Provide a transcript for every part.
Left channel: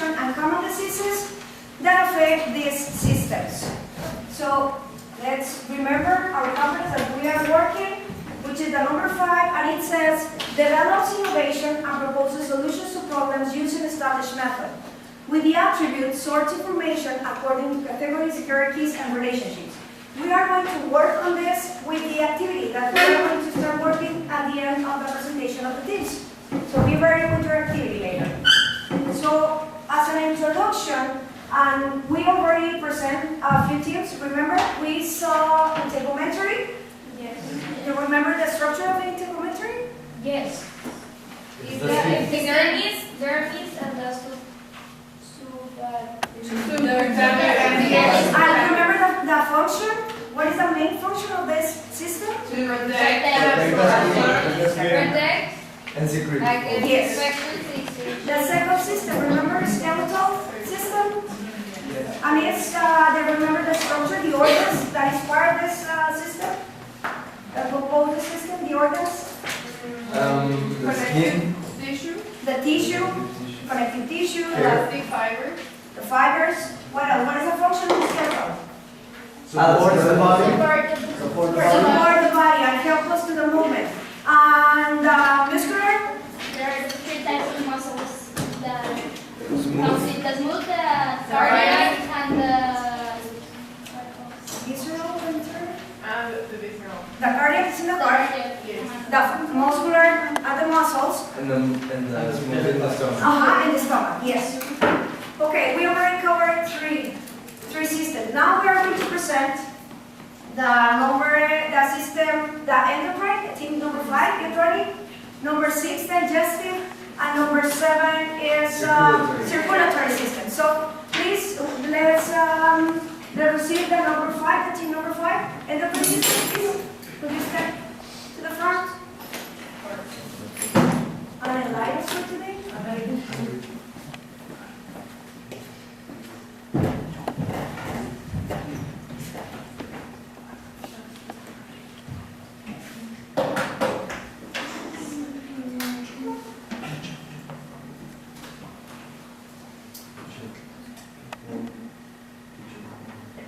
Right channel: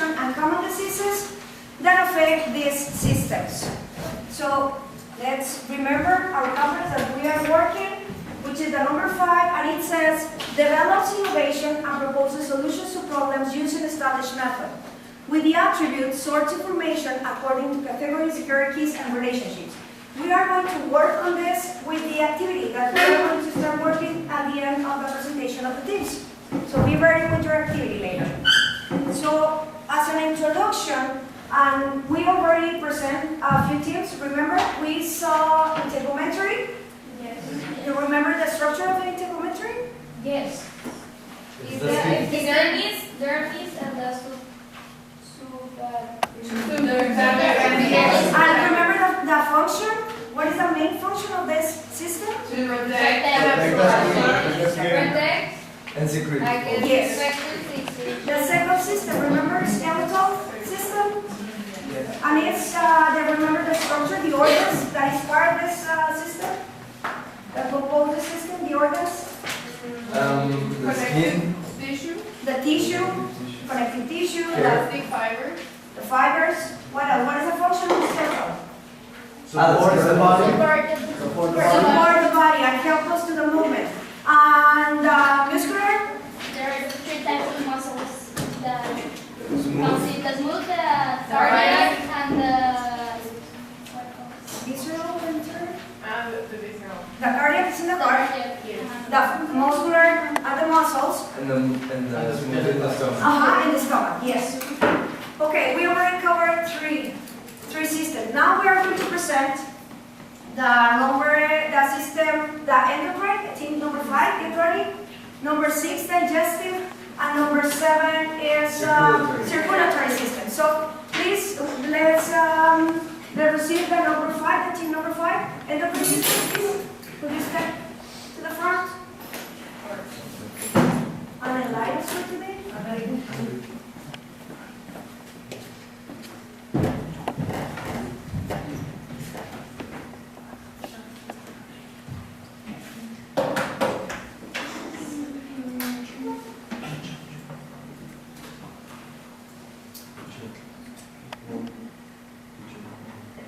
introduction and common diseases that affect these systems. So let's remember our conference that we are working, which is the number 5, and it says, develops innovation and proposes solutions to problems using established method, with the attribute sorts information according to categories, hierarchies, and relationships. We are going to work on this with the activity that we are going to start working at the end of the presentation of the teams. So be ready with your activity later. So as an introduction, and we already present a few teams. Remember, we saw integumentary? Yes. You remember the structure of integumentary? Yes. Is The dermis and the And remember the function? What is the main function of this system? to protect and secret. Yes. expectancy. The second system, remember skeletal system? Yes. And it's, remember the structure, the organs that is part of this system? The compose the system, the organs? The skin. Tissue, The tissue, connective tissue, plastic fiber, the fibers. What else? What is the function of the skeletal? Supports the body. Support the body and help us to the movement. And muscular? There are 3 types of muscles. The Smooth. smooth, the cardiac, and Visceral, ventral? and the visceral. The cardiac is in the heart. The muscular are the muscles. And the smooth in the stomach. In the stomach, yes. Okay, we already covered three systems. Now we are going to present the system, the endocrine, team number 5, get ready. Number 6, digestive, and number 7 is circulatory system. So please, let's receive the number 5, the team number 5, endocrine system, please. Could you step to the front? Are the lights for today?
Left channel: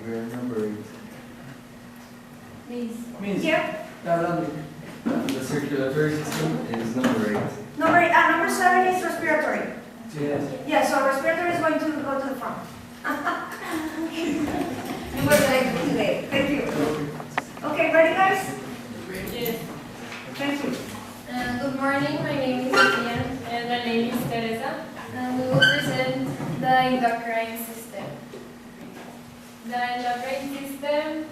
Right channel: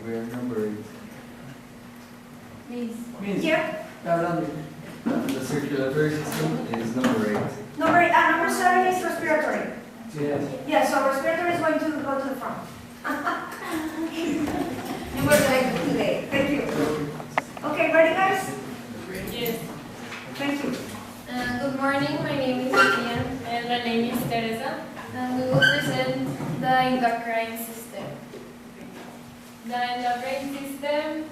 We're number 8. Means. Yeah. The circulatory system is number 8. Number 7 is respiratory. Yes. Yeah, so respiratory is going to go to the front. You were selected today. Thank you. Okay, ready guys? Yes. Thank you. Good morning, my name is Etienne. And my name is Teresa. And we will present the endocrine system. The endocrine system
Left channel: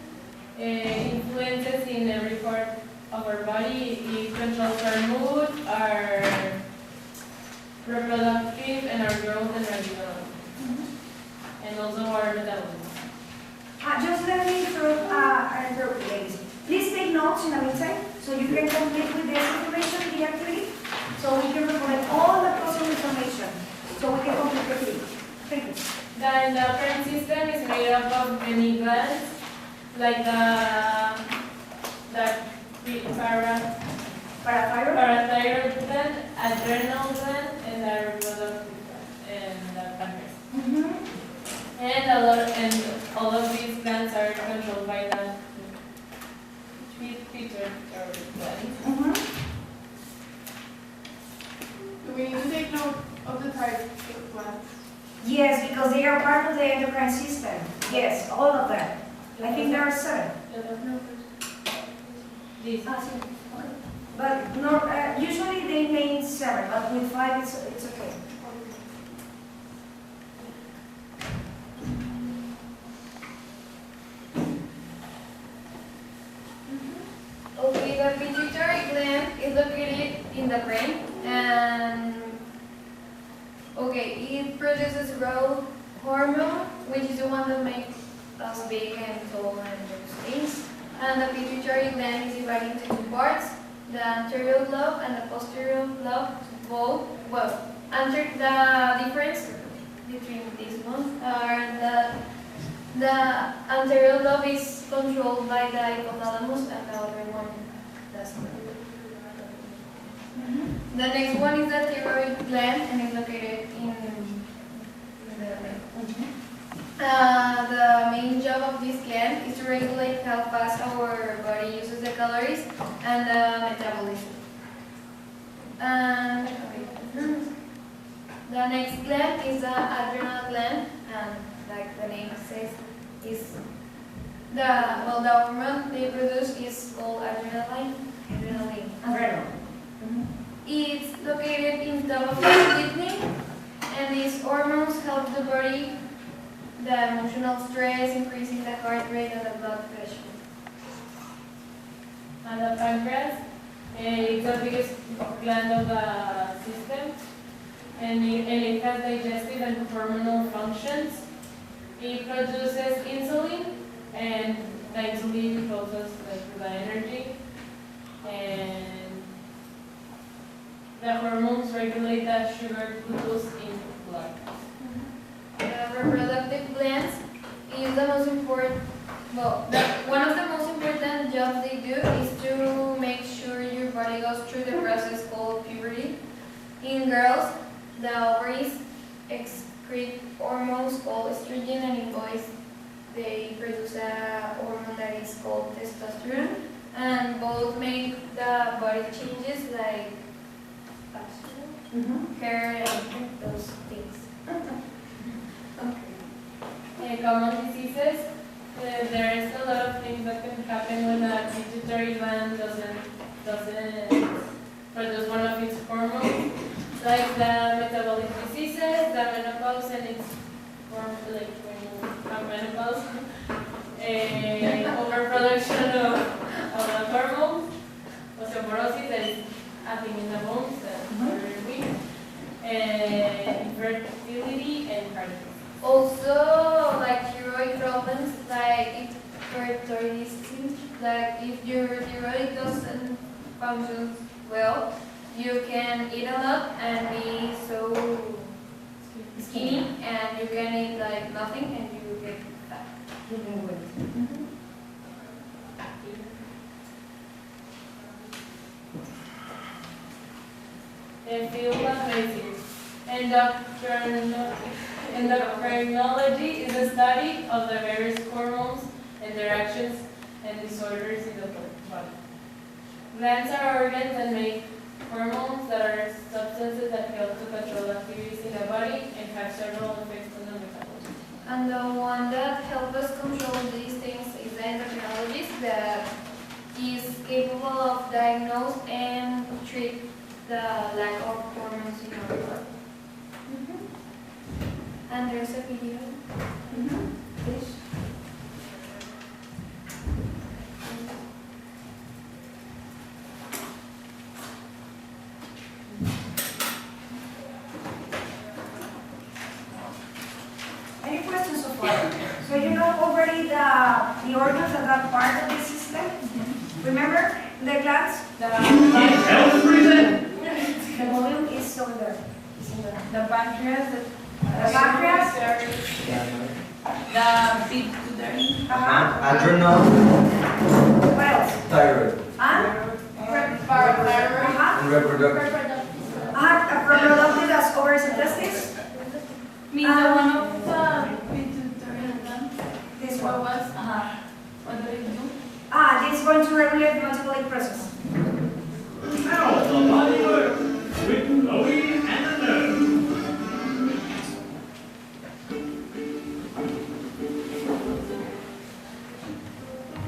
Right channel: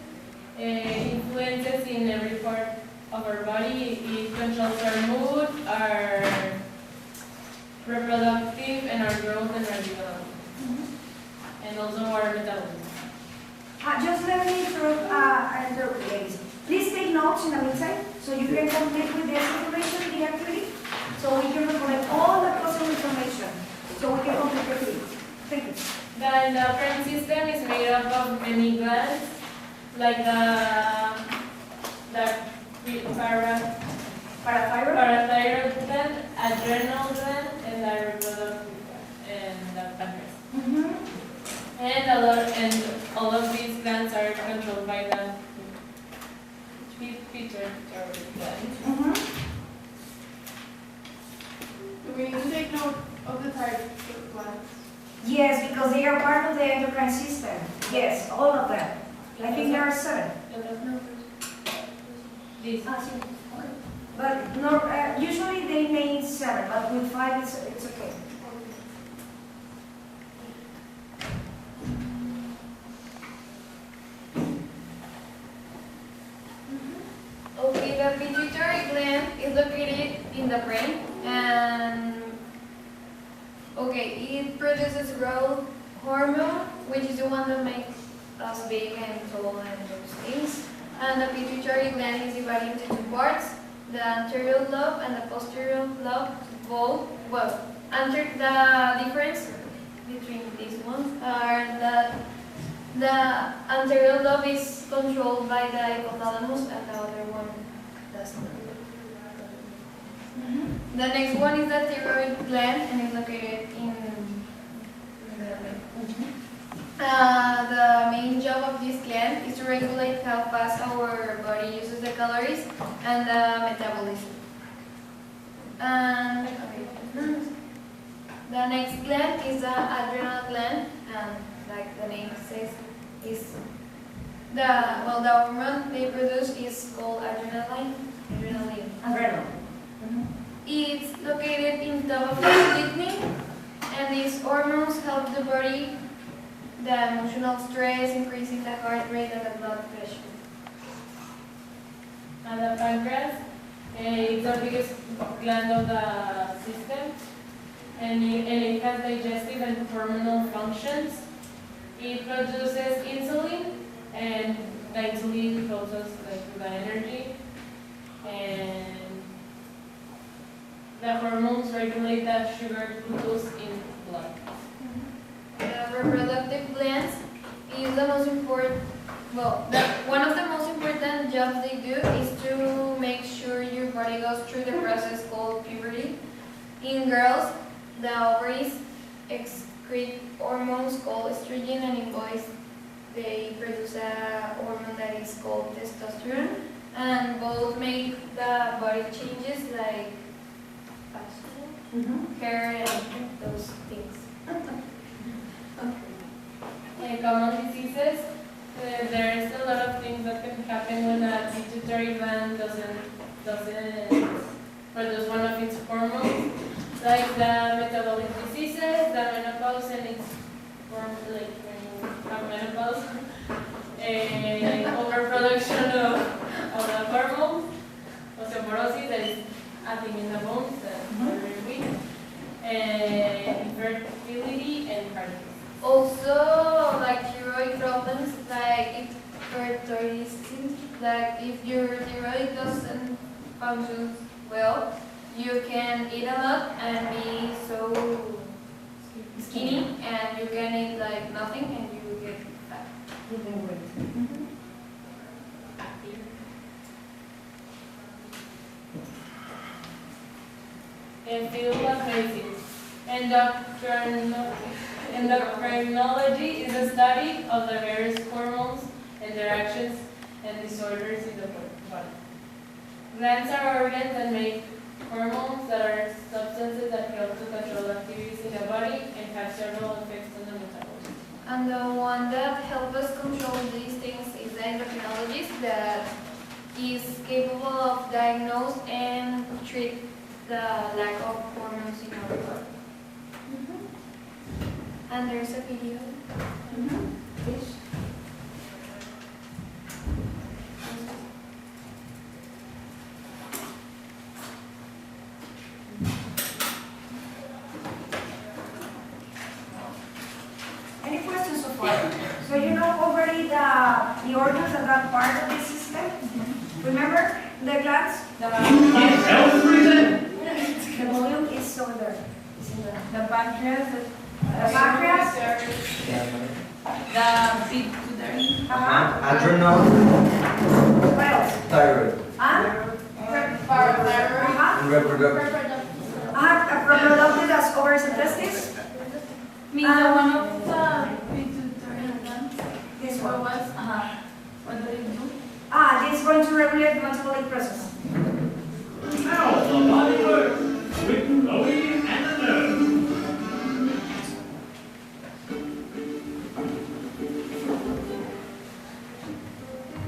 influences in every part of our body. It controls our mood, our reproductive, and our growth and our development. And also our metabolism. Just let me interrupt, ladies. Please take notes in the meantime, so you can complete with this information, the activity, so we can recommend all the possible information, so we can complete the activity. Thank you. The endocrine system is made up of many glands, like the Parathyroid? parathyroid gland, adrenal gland, and the reproductive gland, and the pancreas. And all of these glands are controlled by the pituitary gland. Do we need to take note of the types of plants? Yes, because they are part of the endocrine system. Yes, all of them. I think there are 7. This. Okay. But no, usually they name 7, but with 5 it's okay. Okay, the pituitary gland is located in the brain, and it produces growth hormone, which is the one that makes us big and tall and those things. And the pituitary gland is divided into 2 parts: the anterior lobe and the posterior lobe. The difference between these ones are that the anterior lobe is controlled by the hypothalamus and the other one does not. The next one is the thyroid gland, and is located The main job of this gland is to regulate how fast our body uses the calories and the metabolism. And the next gland is the adrenal gland, and like the name says, is the hormone they produce is called adrenaline. Adrenal. It's located in top of the kidney, and these hormones help the body, the emotional stress, increasing the heart rate and the blood pressure. And the pancreas, it's the biggest gland of the system, and it has digestive and hormonal functions. It produces insulin, and the insulin helps us with the energy, and the hormones regulate the sugar glucose in blood. The reproductive glands is the most important. One of the most important jobs they do is to make sure your body goes through the process called puberty. In girls, the ovaries excrete hormones called estrogen, and in boys, they produce a hormone that is called testosterone. And both make the body changes like hair and those things. In common diseases, there is a lot of things that can happen when the pituitary gland doesn't produce one of its hormones, like the metabolic diseases, the menopause, and its form, like when you have menopause, overproduction of the hormones, osteoporosis, that is a thing in the bones that are very weak, infertility, and heart disease. Also, like thyroid problems, like hyperthyroidism, like if your thyroid doesn't function well, you can eat a lot and be so skinny, and you can eat like nothing and you get fat. Field of medicine. Endocrinology is the study of the various hormones, interactions, and disorders in the body. Glands are organs that make hormones that are substances that help to control activities in the body and have several effects on the metabolism. And the one that helps us control these things is the endocrinologist, that is capable of diagnose and treat the lack of hormones in our body. And there's a video. Any questions so far? So you know already the organs that are part of the system? Remember the glands? The volume is over there. It's in The pancreas, the pancreas. the pituitary, Adrenal, What else? thyroid, parathyroid, and reproductive. Reproductive as ovaries and testes. means the one of the pituitary gland. This What one. was, what do it do? This is going to regulate the metabolic process. Now, the body works with Chloe and the nose.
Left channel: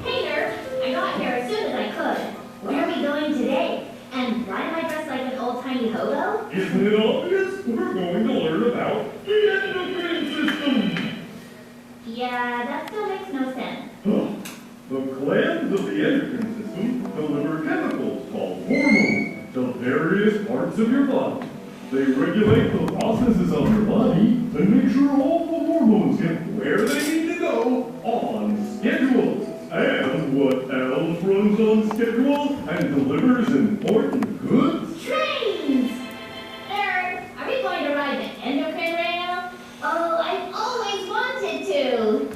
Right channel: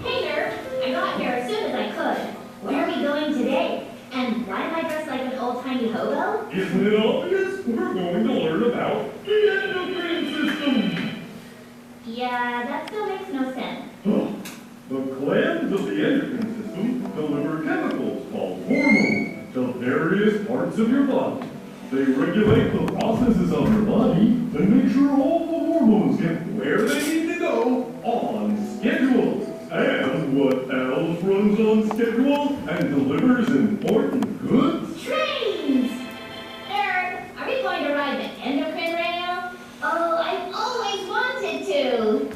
Hey nerd, I got here as soon as I could. Where are we going today? And why am I dressed like an old-timey hobo? Isn't it obvious? We're going to learn about the endocrine system. Yeah, that still makes no sense. The glands of the endocrine system deliver chemicals called hormones to various parts of your body. They regulate the processes of your body and make sure all the hormones get where they need to go on schedule. And what else runs on schedule and delivers important goods? Trains! Nerd, are we going to ride the endocrine rail? Oh, I've always wanted to.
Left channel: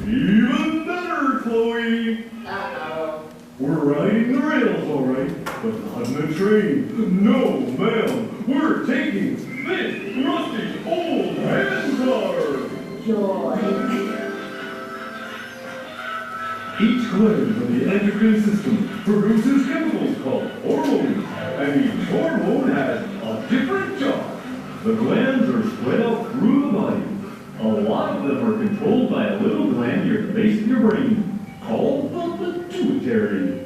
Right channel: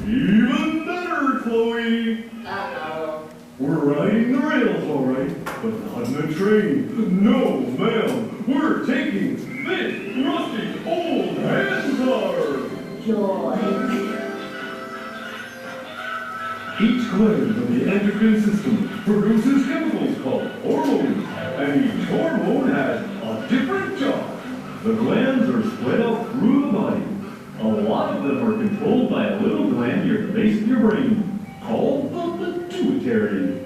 Even better, Chloe! Uh-oh. We're riding the rails, all right, but not in a train. No, ma'am. We're taking thick, rusty, old hand cars. joy. Each gland of the endocrine system produces chemicals called hormones, and each hormone has a different job. The glands are spread out through the body. A lot of them are controlled by a little gland near the base of your brain, called the pituitary.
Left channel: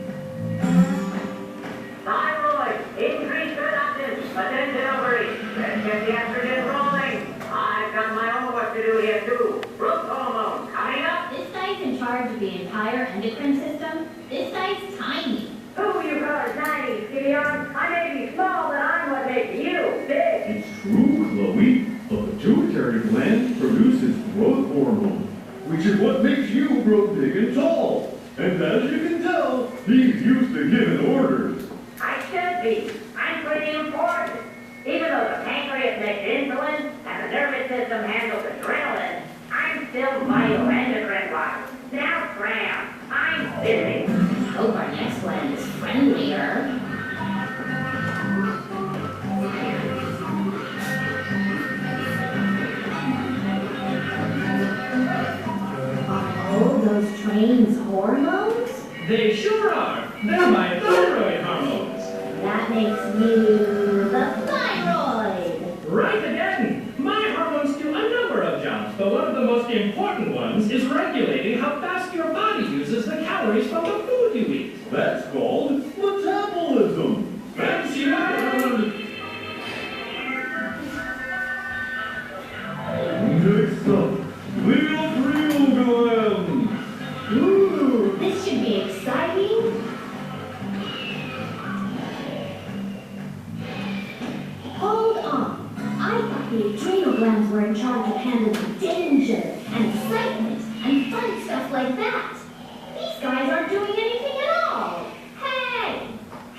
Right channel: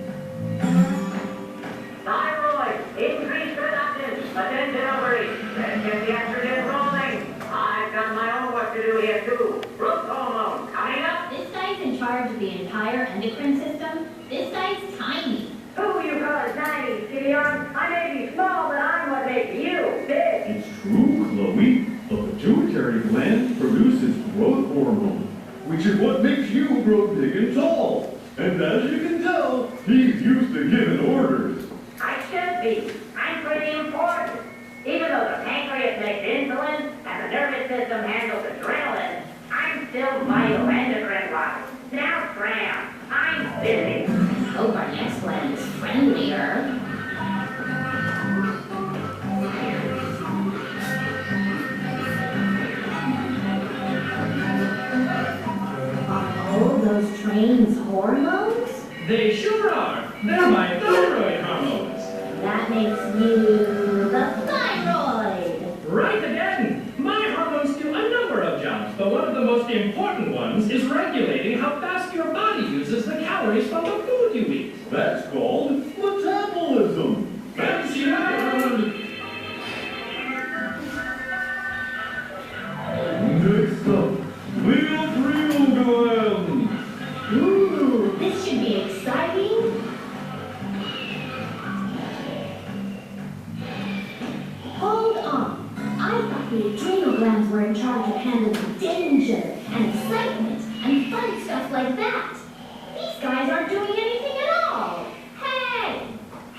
Thyroid, increase production, attention ovaries, let's get the estrogen rolling. I've got my own work to do here too. Growth hormone, coming up. This guy's in charge of the entire endocrine system. This guy's tiny. Who you call tiny, Gideon? I may be small, but I'm what makes you big. It's true, Chloe. The pituitary gland produces growth hormone, which is what makes you grow big and tall. And as you can tell, he's used to giving orders. I should be. I'm pretty important. Even though the pancreas makes insulin and the nervous system handles adrenaline, I'm still vital endocrine-wise. Now, Graham, I'm busy. Hope our next gland is friendlier. Are those trains hormones? They sure are. They're my thyroid hormones. That makes you the thyroid. Right again. My hormones do a number of jobs, but one of the most important ones is regulating how fast your body uses the calories from the food you eat. That's called metabolism. Fancy word. Next up, glial gland. Ooh, this should be exciting. Hold on. I thought the adrenal glands were in charge of handling danger and excitement and fun stuff like that. These guys aren't doing anything at all. Hey!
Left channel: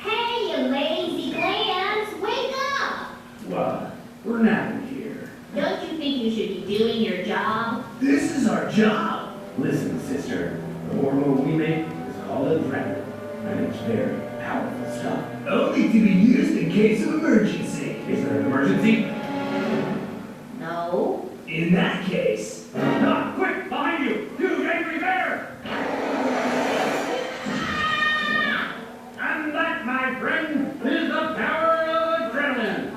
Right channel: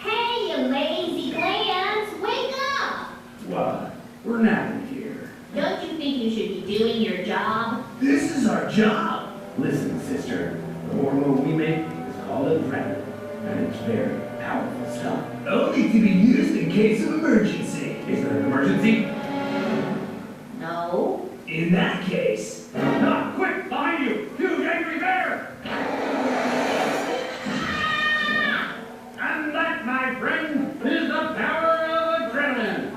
Hey, you lazy glands! Wake up! What? We're napping here. Don't you think you should be doing your job? This is our job. Listen, sister, the hormone we make is called adrenaline, and it's very powerful stuff. Only to be used in case of emergency. Is there an emergency? No. In that case. Ah, quick, behind you! You angry bear! And that, my friend, is the power of adrenaline.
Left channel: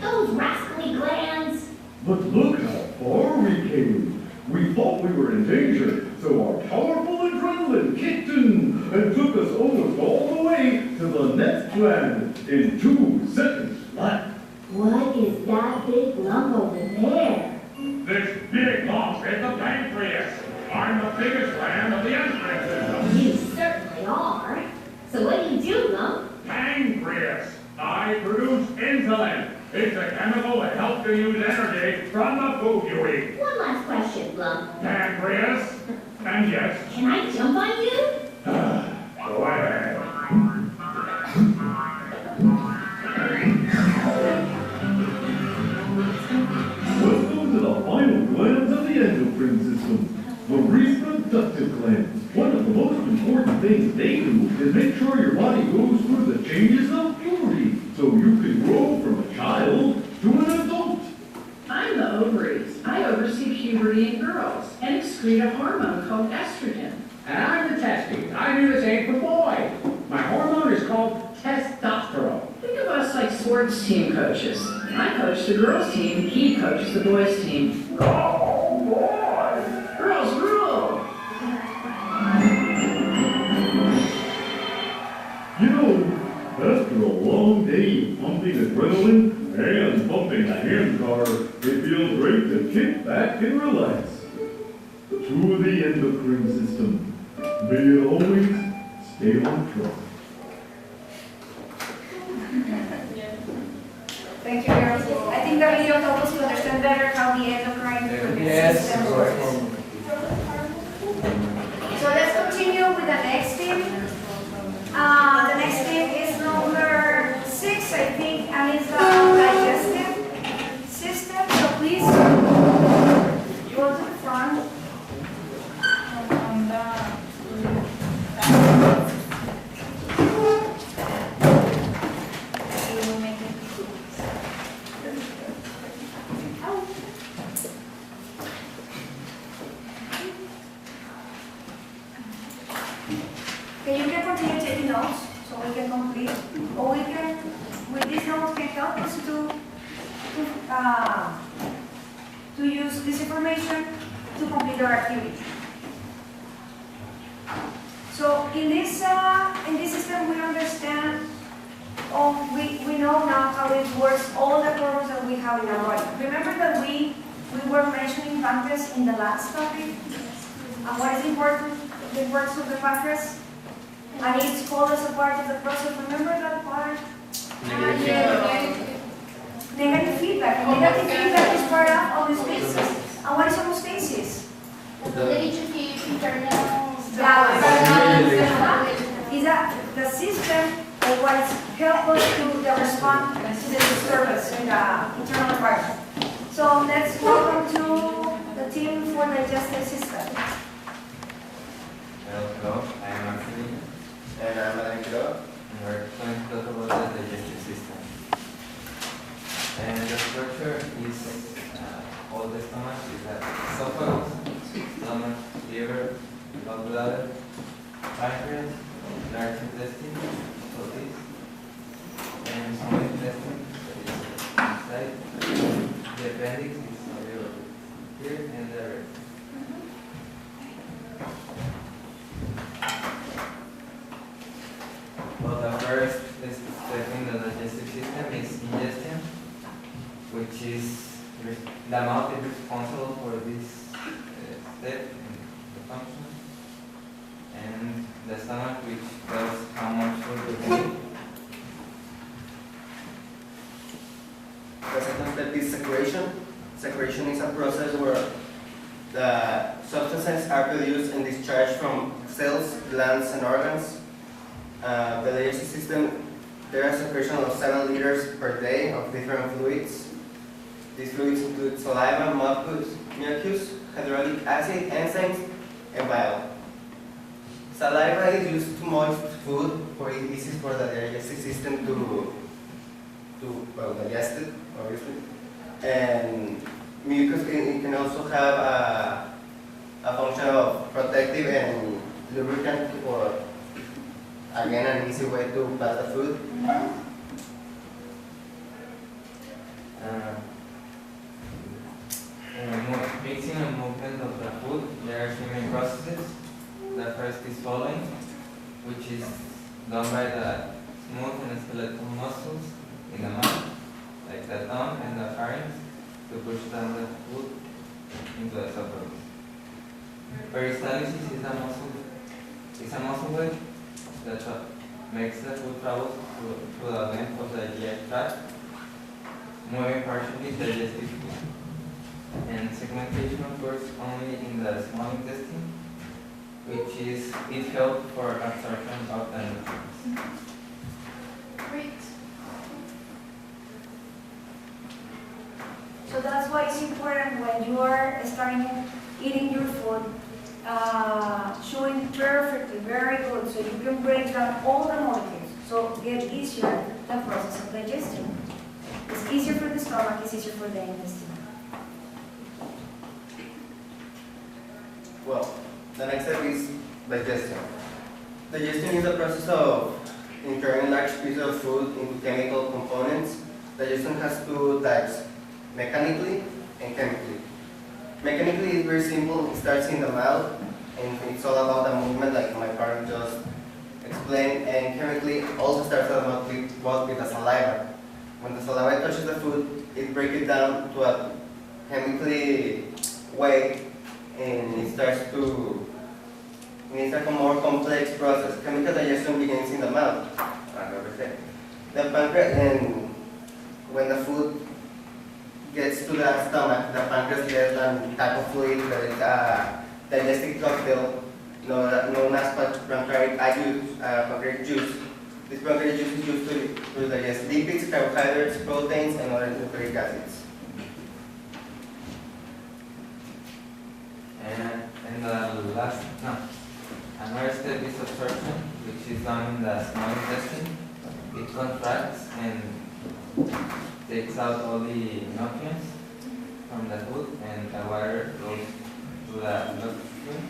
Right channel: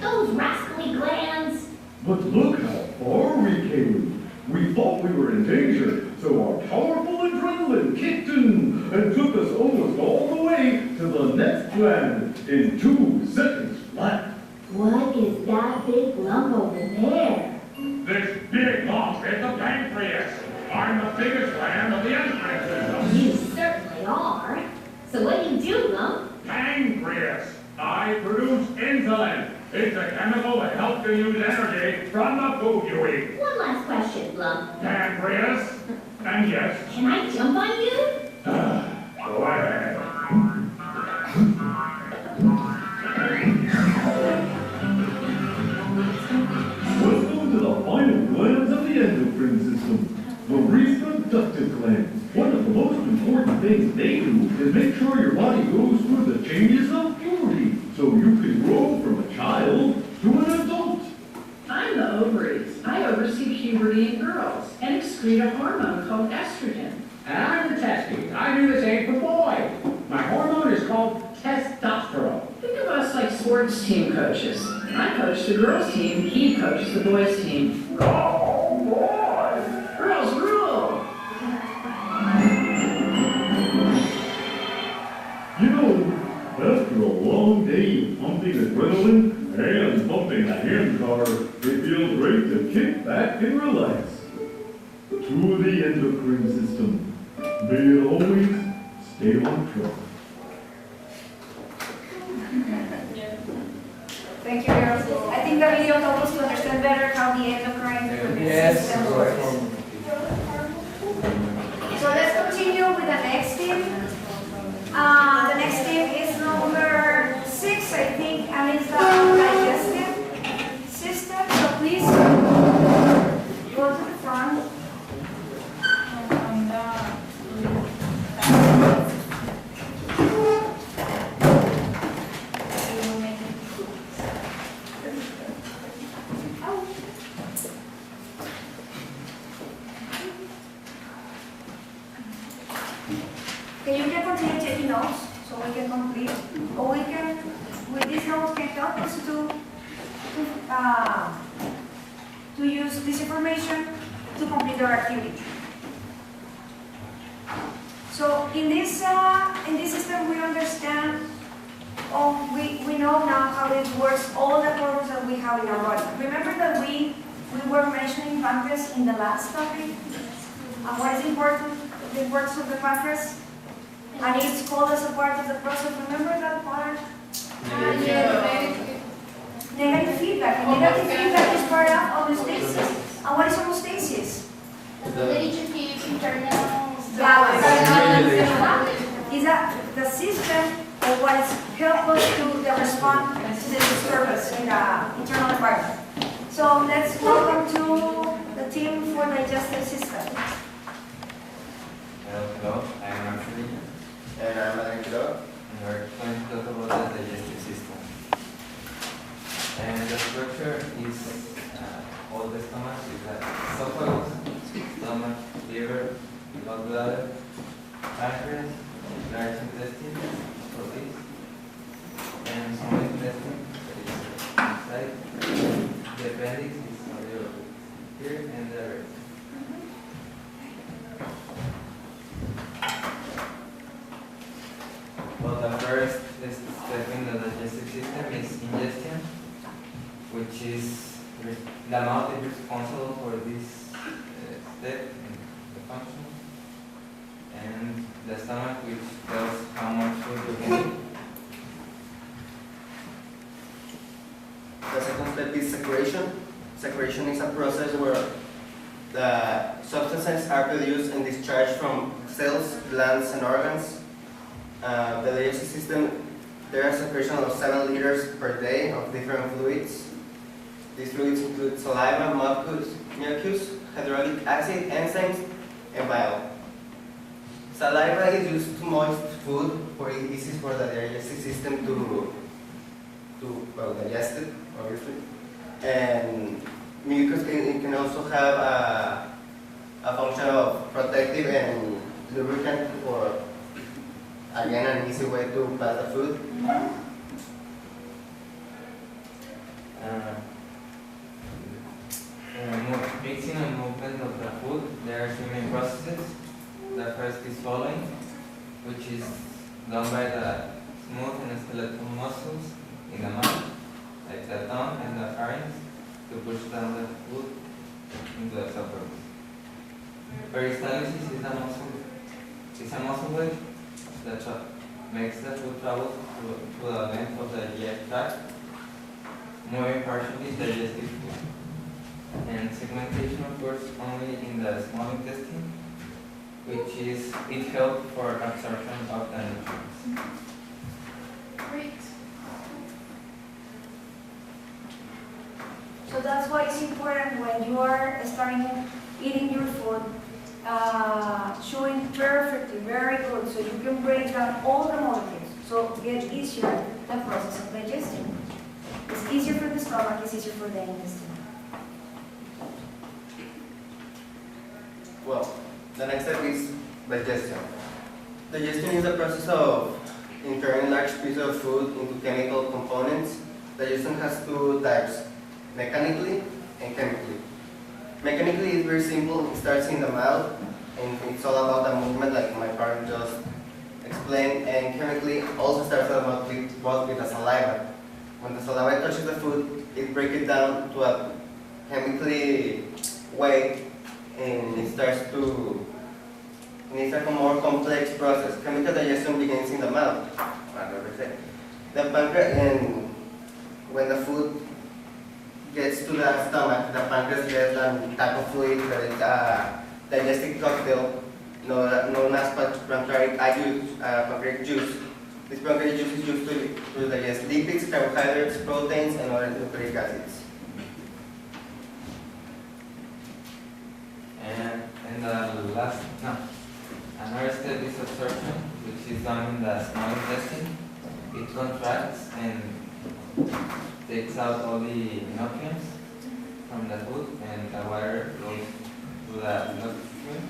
Those rascally glands. But look how far we came. We thought we were in danger, so our powerful adrenaline kicked in and took us almost all the way to the next gland in 2 seconds flat. What is that big lump over there? This big lump is the pancreas. I'm the biggest gland of the endocrine system. You certainly are. So what do you do, lump? Pancreas. I produce insulin. It's a chemical that helps you use energy from the food you eat. One last question, lump. Pancreas. And yes, Can I jump on you? go ahead. Welcome to the final glands of the endocrine system, the reproductive glands. One of the most important things they do is make sure your body goes through the changes of puberty, so you can grow from a child to an adult. I'm the ovaries. I oversee puberty in girls and excrete a hormone called estrogen. And I'm the testes. I do the same for boys. My hormone is called testosterone. Think of us like sports team coaches. I coach the girls' team, he coaches the boys' team. Oh, boy. Girls rule! You know, after a long day of pumping adrenaline and pumping a handcar, it feels great to kick back and relax. To the endocrine system, may it always stay on track. Thank you, girls. I think the video helped us to understand better how the endocrine Yes. system works. So let's continue with the next tip. The next tip is number 6, I think, and it's the digestive system. So please go to the front. can continue taking notes, so we can complete, or we can, with these notes, can help us to use this information to complete our activity. So in this system, we understand, we know now how it works, all the hormones that we have in our body. Remember that we were mentioning pancreas in the last topic? And what is important, the importance of the pancreas? And it's called as a part of the process. Remember that part? Negative feedback. And negative feedback is part of homeostasis. And what is homeostasis? The ability to keep internal balance. Is that the system or what is help us to the response to the disturbance in the internal environment. So let's welcome to the team for digestive system. Hello, I'm Anthony. And I'm Alejandro. And we're going to talk about the digestive system. And the structure is all the stomach is that esophagus, stomach, liver, gallbladder, pancreas, large intestine, so this, and small intestine that is inside. The appendix is here and the rest. Well, the first step in the digestive system is ingestion, which is the mouth is responsible for this step in the function, and the stomach, which tells how much food we can eat. The second step is secretion. Secretion is a process where the substances are produced and discharged from cells, glands, and organs. The digestive system, there is secretion of 7 liters per day of different fluids. These fluids include saliva, mucus, hyaluronic acid, enzymes, and bile. Saliva is used to moist food, for it is easy for the digestive system to digest it, obviously. And mucus can also have a function of protective and lubricant, or again an easy way to pass the food. Mixing and movement of the food, there are 3 main processes. The first is swallowing, which is done by the smooth and skeletal muscles in the mouth, like the tongue and the pharynx, to push down the food into the esophagus. Peristalsis is a muscle wave that makes the food travel through the length of the GI tract, moving partially digestive food. And segmentation occurs only in the small intestine, which is it helps for absorption of the nutrients. Great. So that's why it's important when you are starting eating your food, chewing perfectly, very good, so you can break down all the molecules. So get easier the process of digestion. It's easier for the stomach, it's easier for the intestine. Well, the next step is digestion. Digestion is the process of turning large pieces of food into chemical components. Digestion has 2 types, mechanically and chemically. Mechanically is very simple. It starts in the mouth, and it's all about the movement, like my partner just explained. And chemically also starts in the mouth with the saliva. When the saliva touches the food, it breaks it down to a chemically way, and it's a more complex process. Chemical digestion begins in the mouth. The pancreas, and when the food gets to the stomach, the pancreas gets a type of fluid that is a digestive cocktail known as pancreatic juice. This pancreatic juice is used to digest lipids, carbohydrates, proteins, and other nucleic acids. And another step is absorption, which is done in the small intestine. It contracts and takes out all the nutrients from the food, and the water goes to the bloodstream.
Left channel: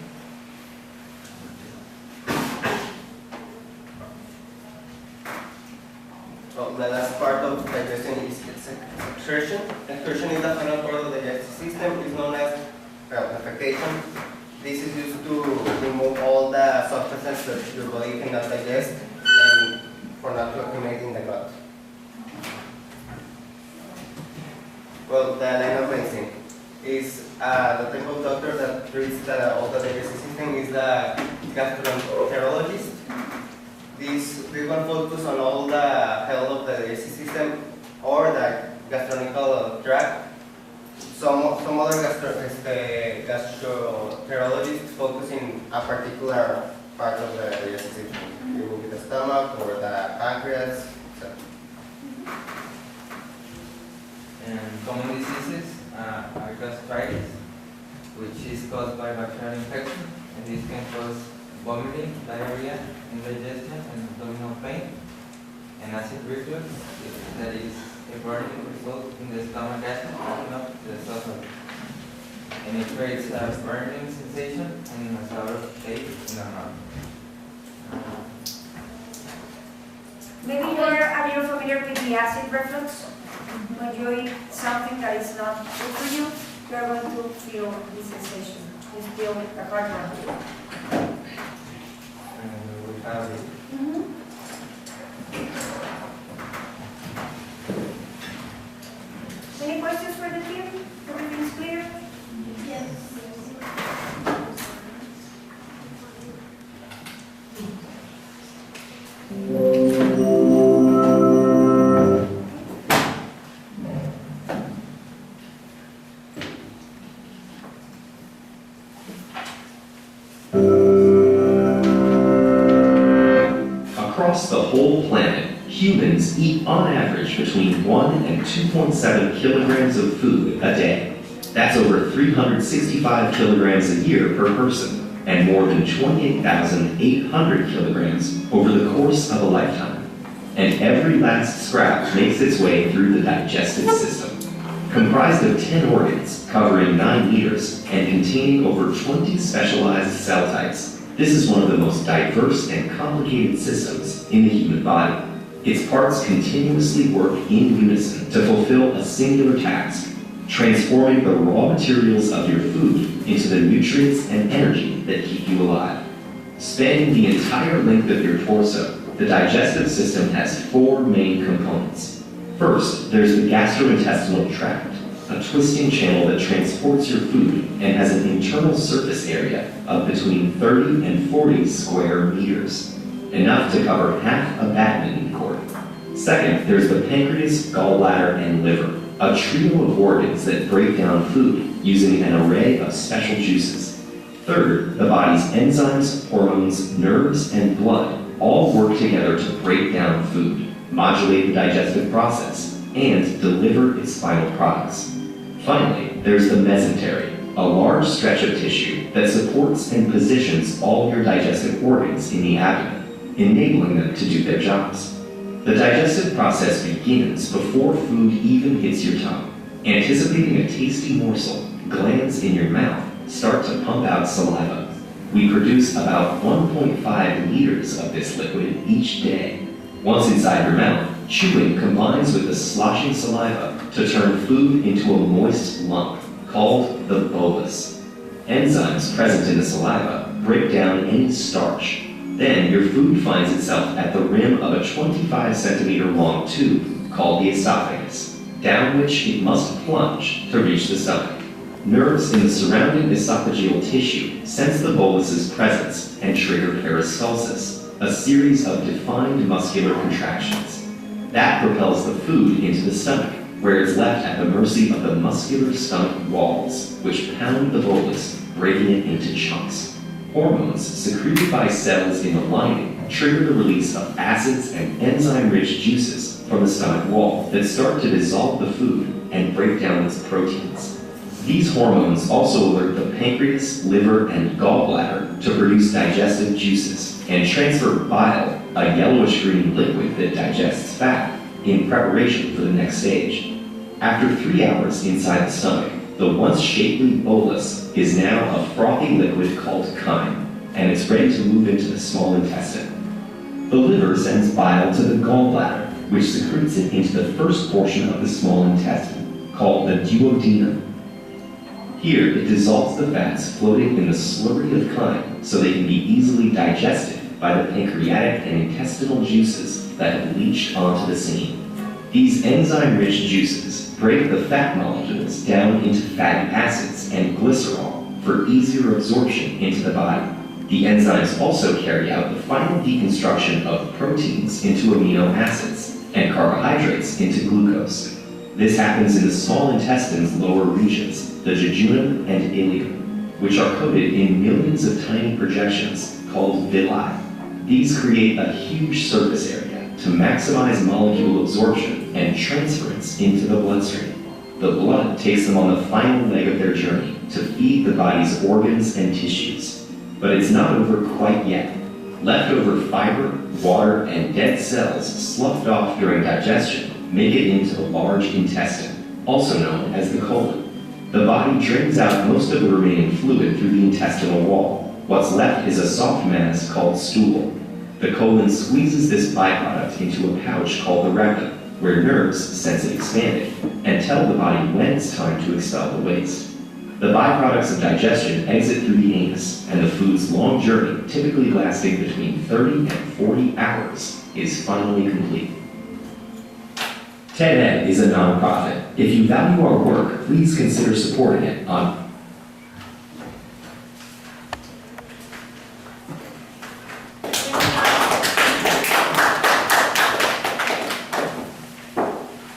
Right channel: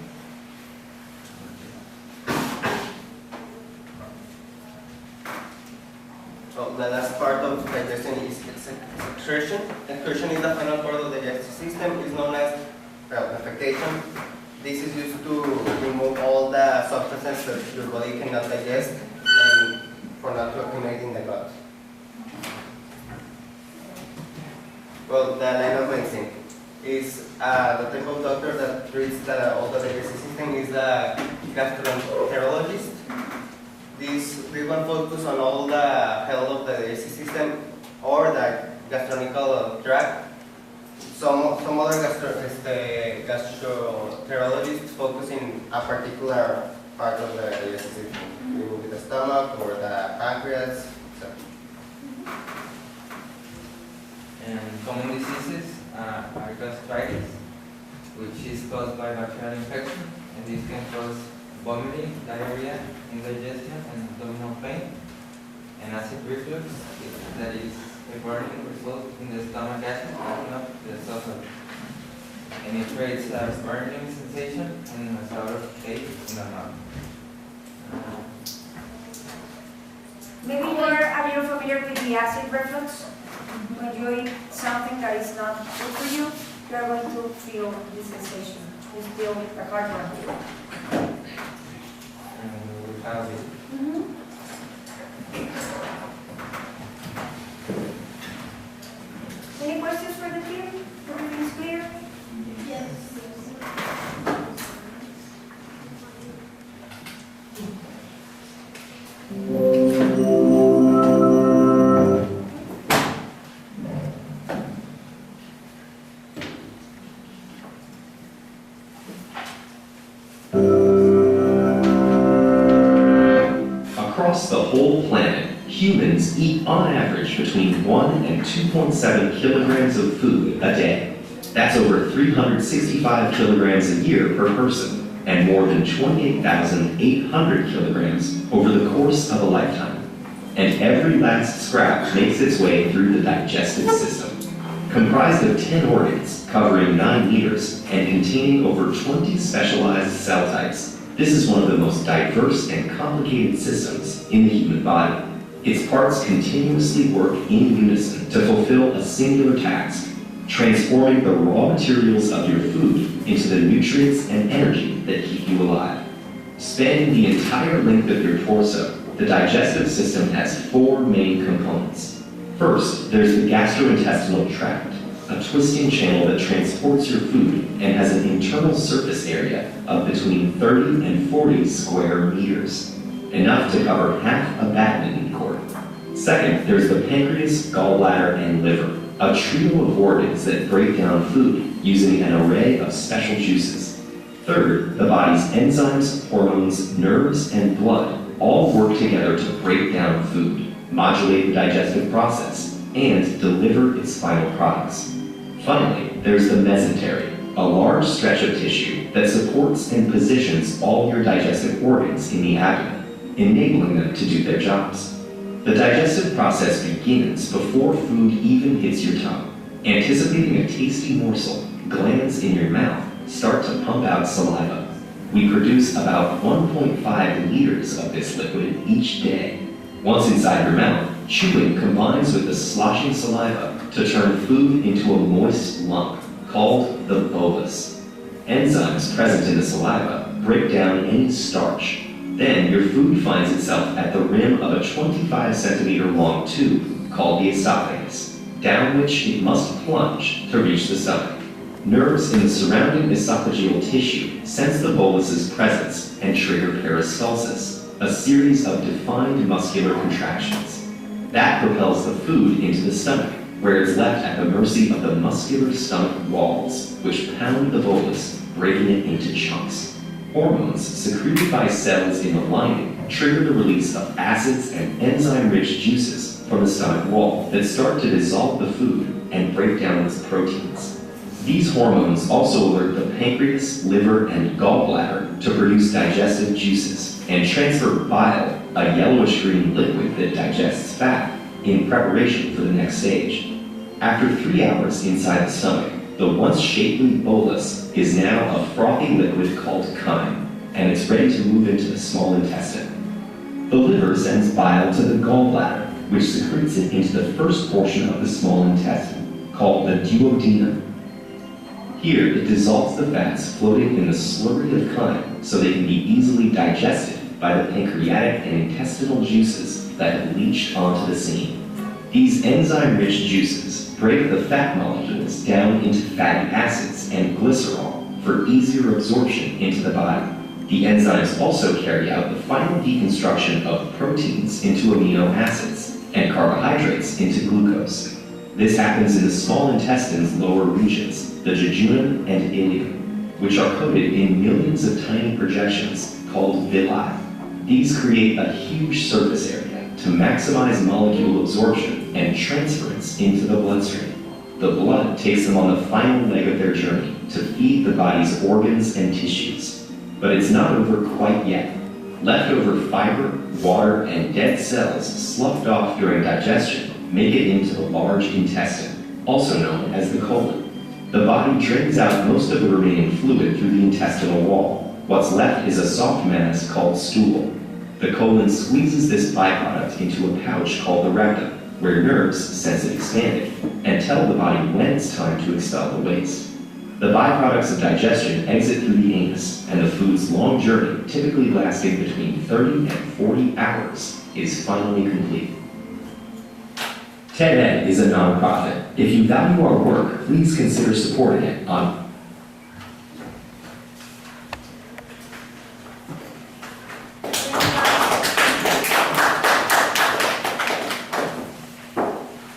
Well, the last part of digestion is excretion. Excretion is the final part of the digestive system. It's known as defecation. This is used to remove all the substances that your body cannot digest and for not to accumulate in the gut. Well, the line of medicine is the type of doctor that treats all the digestive system is the gastroenterologist. They will focus on all the health of the digestive system or the gastrointestinal tract. Some other gastroenterologists focus in a particular part of the digestive system. It will be the stomach or the pancreas. So. And common diseases are gastritis, which is caused by bacterial infection, and this can cause vomiting, diarrhea, indigestion, and abdominal pain. And acid reflux, that is a burning result in the stomach acid backing up the esophagus. And it creates a burning sensation and a sour taste in the mouth. Maybe you are a little familiar with the acid reflux. When you eat something that is not good for you, you are going to feel this sensation. You feel the heartburn. And we have it. Any questions for the team? Everything's clear? Yes. Across the whole planet, humans eat on average between 1 and 2.7 kilograms of food a day. That's over 365 kilograms a year per person, and more than 28,800 kilograms over the course of a lifetime. And every last scrap makes its way through the digestive system. Comprised of 10 organs, covering 9 meters, and containing over 20 specialized cell types, this is one of the most diverse and complicated systems in the human body. Its parts continuously work in unison to fulfill a singular task, transforming the raw materials of your food into the nutrients and energy that keep you alive. Spanning the entire length of your torso, the digestive system has 4 main components. First, there's the gastrointestinal tract, a twisting channel that transports your food and has an internal surface area of between 30 and 40 square meters, enough to cover half a badminton court. Second, there's the pancreas, gallbladder, and liver, a trio of organs that break down food using an array of special juices. Third, the body's enzymes, hormones, nerves, and blood all work together to break down food, modulate the digestive process, and deliver its final products. Finally, there's the mesentery, a large stretch of tissue that supports and positions all your digestive organs in the abdomen, enabling them to do their jobs. The digestive process begins before food even hits your tongue. Anticipating a tasty morsel, glands in your mouth start to pump out saliva. We produce about 1.5 liters of this liquid each day. Once inside your mouth, chewing combines with the sloshing saliva to turn food into a moist lump called the bolus. Enzymes present in the saliva break down any starch. Then your food finds itself at the rim of a 25 centimeter long tube called the esophagus, down which it must plunge to reach the stomach. Nerves in the surrounding esophageal tissue sense the bolus's presence and trigger peristalsis, a series of defined muscular contractions. That propels the food into the stomach, where it's left at the mercy of the muscular stomach walls, which pound the bolus, breaking it into chunks. Hormones secreted by cells in the lining trigger the release of acids and enzyme-rich juices from the stomach wall that start to dissolve the food and break down its proteins. These hormones also alert the pancreas, liver, and gallbladder to produce digestive juices and transfer bile, a yellowish-green liquid that digests fat, in preparation for the next stage. After 3 hours inside the stomach, the once shapely bolus is now a frothy liquid called chyme, and it's ready to move into the small intestine. The liver sends bile to the gallbladder, which secretes it into the first portion of the small intestine, called the duodenum. Here, it dissolves the fats floating in the slurry of chyme so they can be easily digested by the pancreatic and intestinal juices that have leached onto the scene. These enzyme-rich juices break the fat molecules down into fatty acids and glycerol for easier absorption into the body. The enzymes also carry out the final deconstruction of proteins into amino acids and carbohydrates into glucose. This happens in the small intestine's lower regions, the jejunum and ileum, which are coated in millions of tiny projections called villi. These create a huge surface area to maximize molecule absorption and transference into the bloodstream. The blood takes them on the final leg of their journey to feed the body's organs and tissues. But it's not over quite yet. Leftover fiber, water, and dead cells sloughed off during digestion make it into the large intestine, also known as the colon. The body drains out most of the remaining fluid through the intestinal wall. What's left is a soft mass called stool. The colon squeezes this byproduct into a pouch called the rectum, where nerves sense it expanded and tell the body when it's time to expel the waste. The byproducts of digestion exit through the anus, and the food's long journey, typically lasting between 30 and 40 hours, is finally complete. TED-Ed is a nonprofit. If you value our work, please consider supporting it on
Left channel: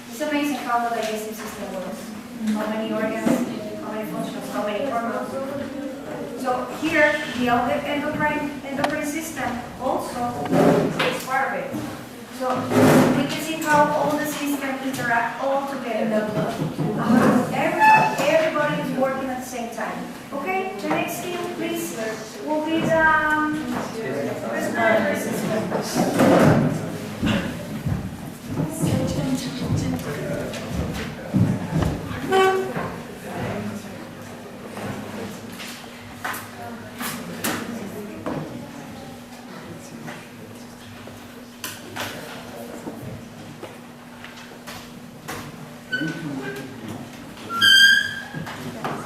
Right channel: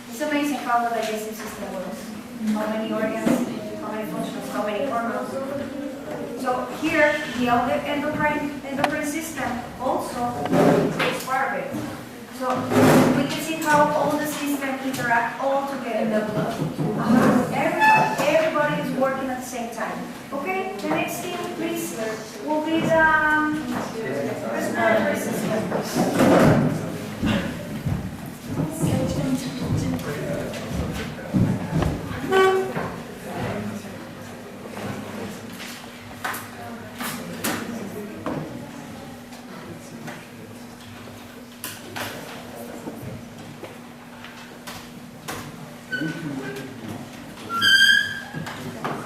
It's amazing how the digestive system works. How many organs, how many functions, how many hormones. So here, the endocrine system also is part of it. So we can see how all the systems interact all together. In the blood. Everybody is working at the same time. Okay, the next thing, please, will be the respiratory system.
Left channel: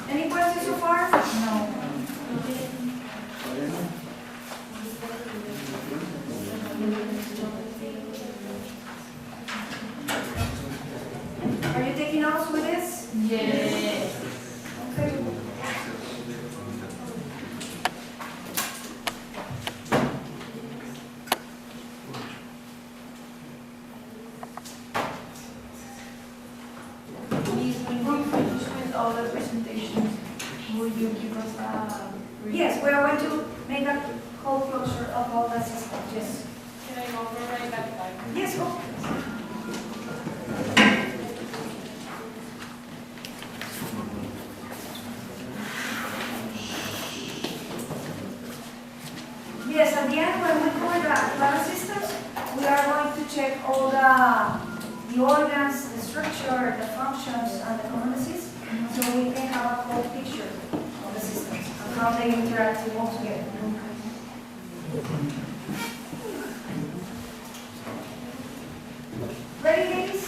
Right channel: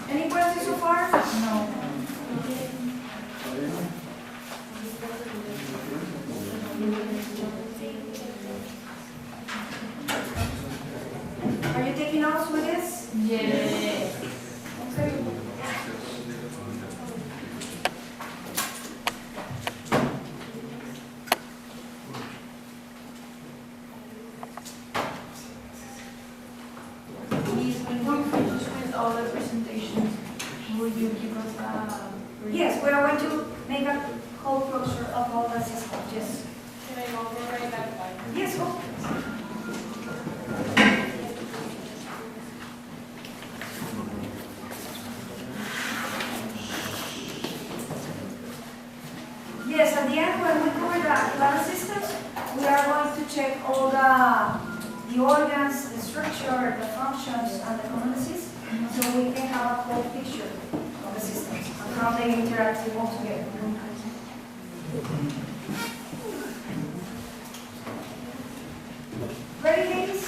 Any questions so far? No. Are you taking notes with this? Yes. Okay. With all the presentations, will you give us a brief? Yes, we are going to make a whole closure of all the systems. Yes. Can I go for right back? Yes, go. Yes, at the end when we cover the blood systems, we are going to check all the organs, the structure, the functions, and the competencies, so we can have a whole picture of the systems and how they interact all together. Ready, ladies?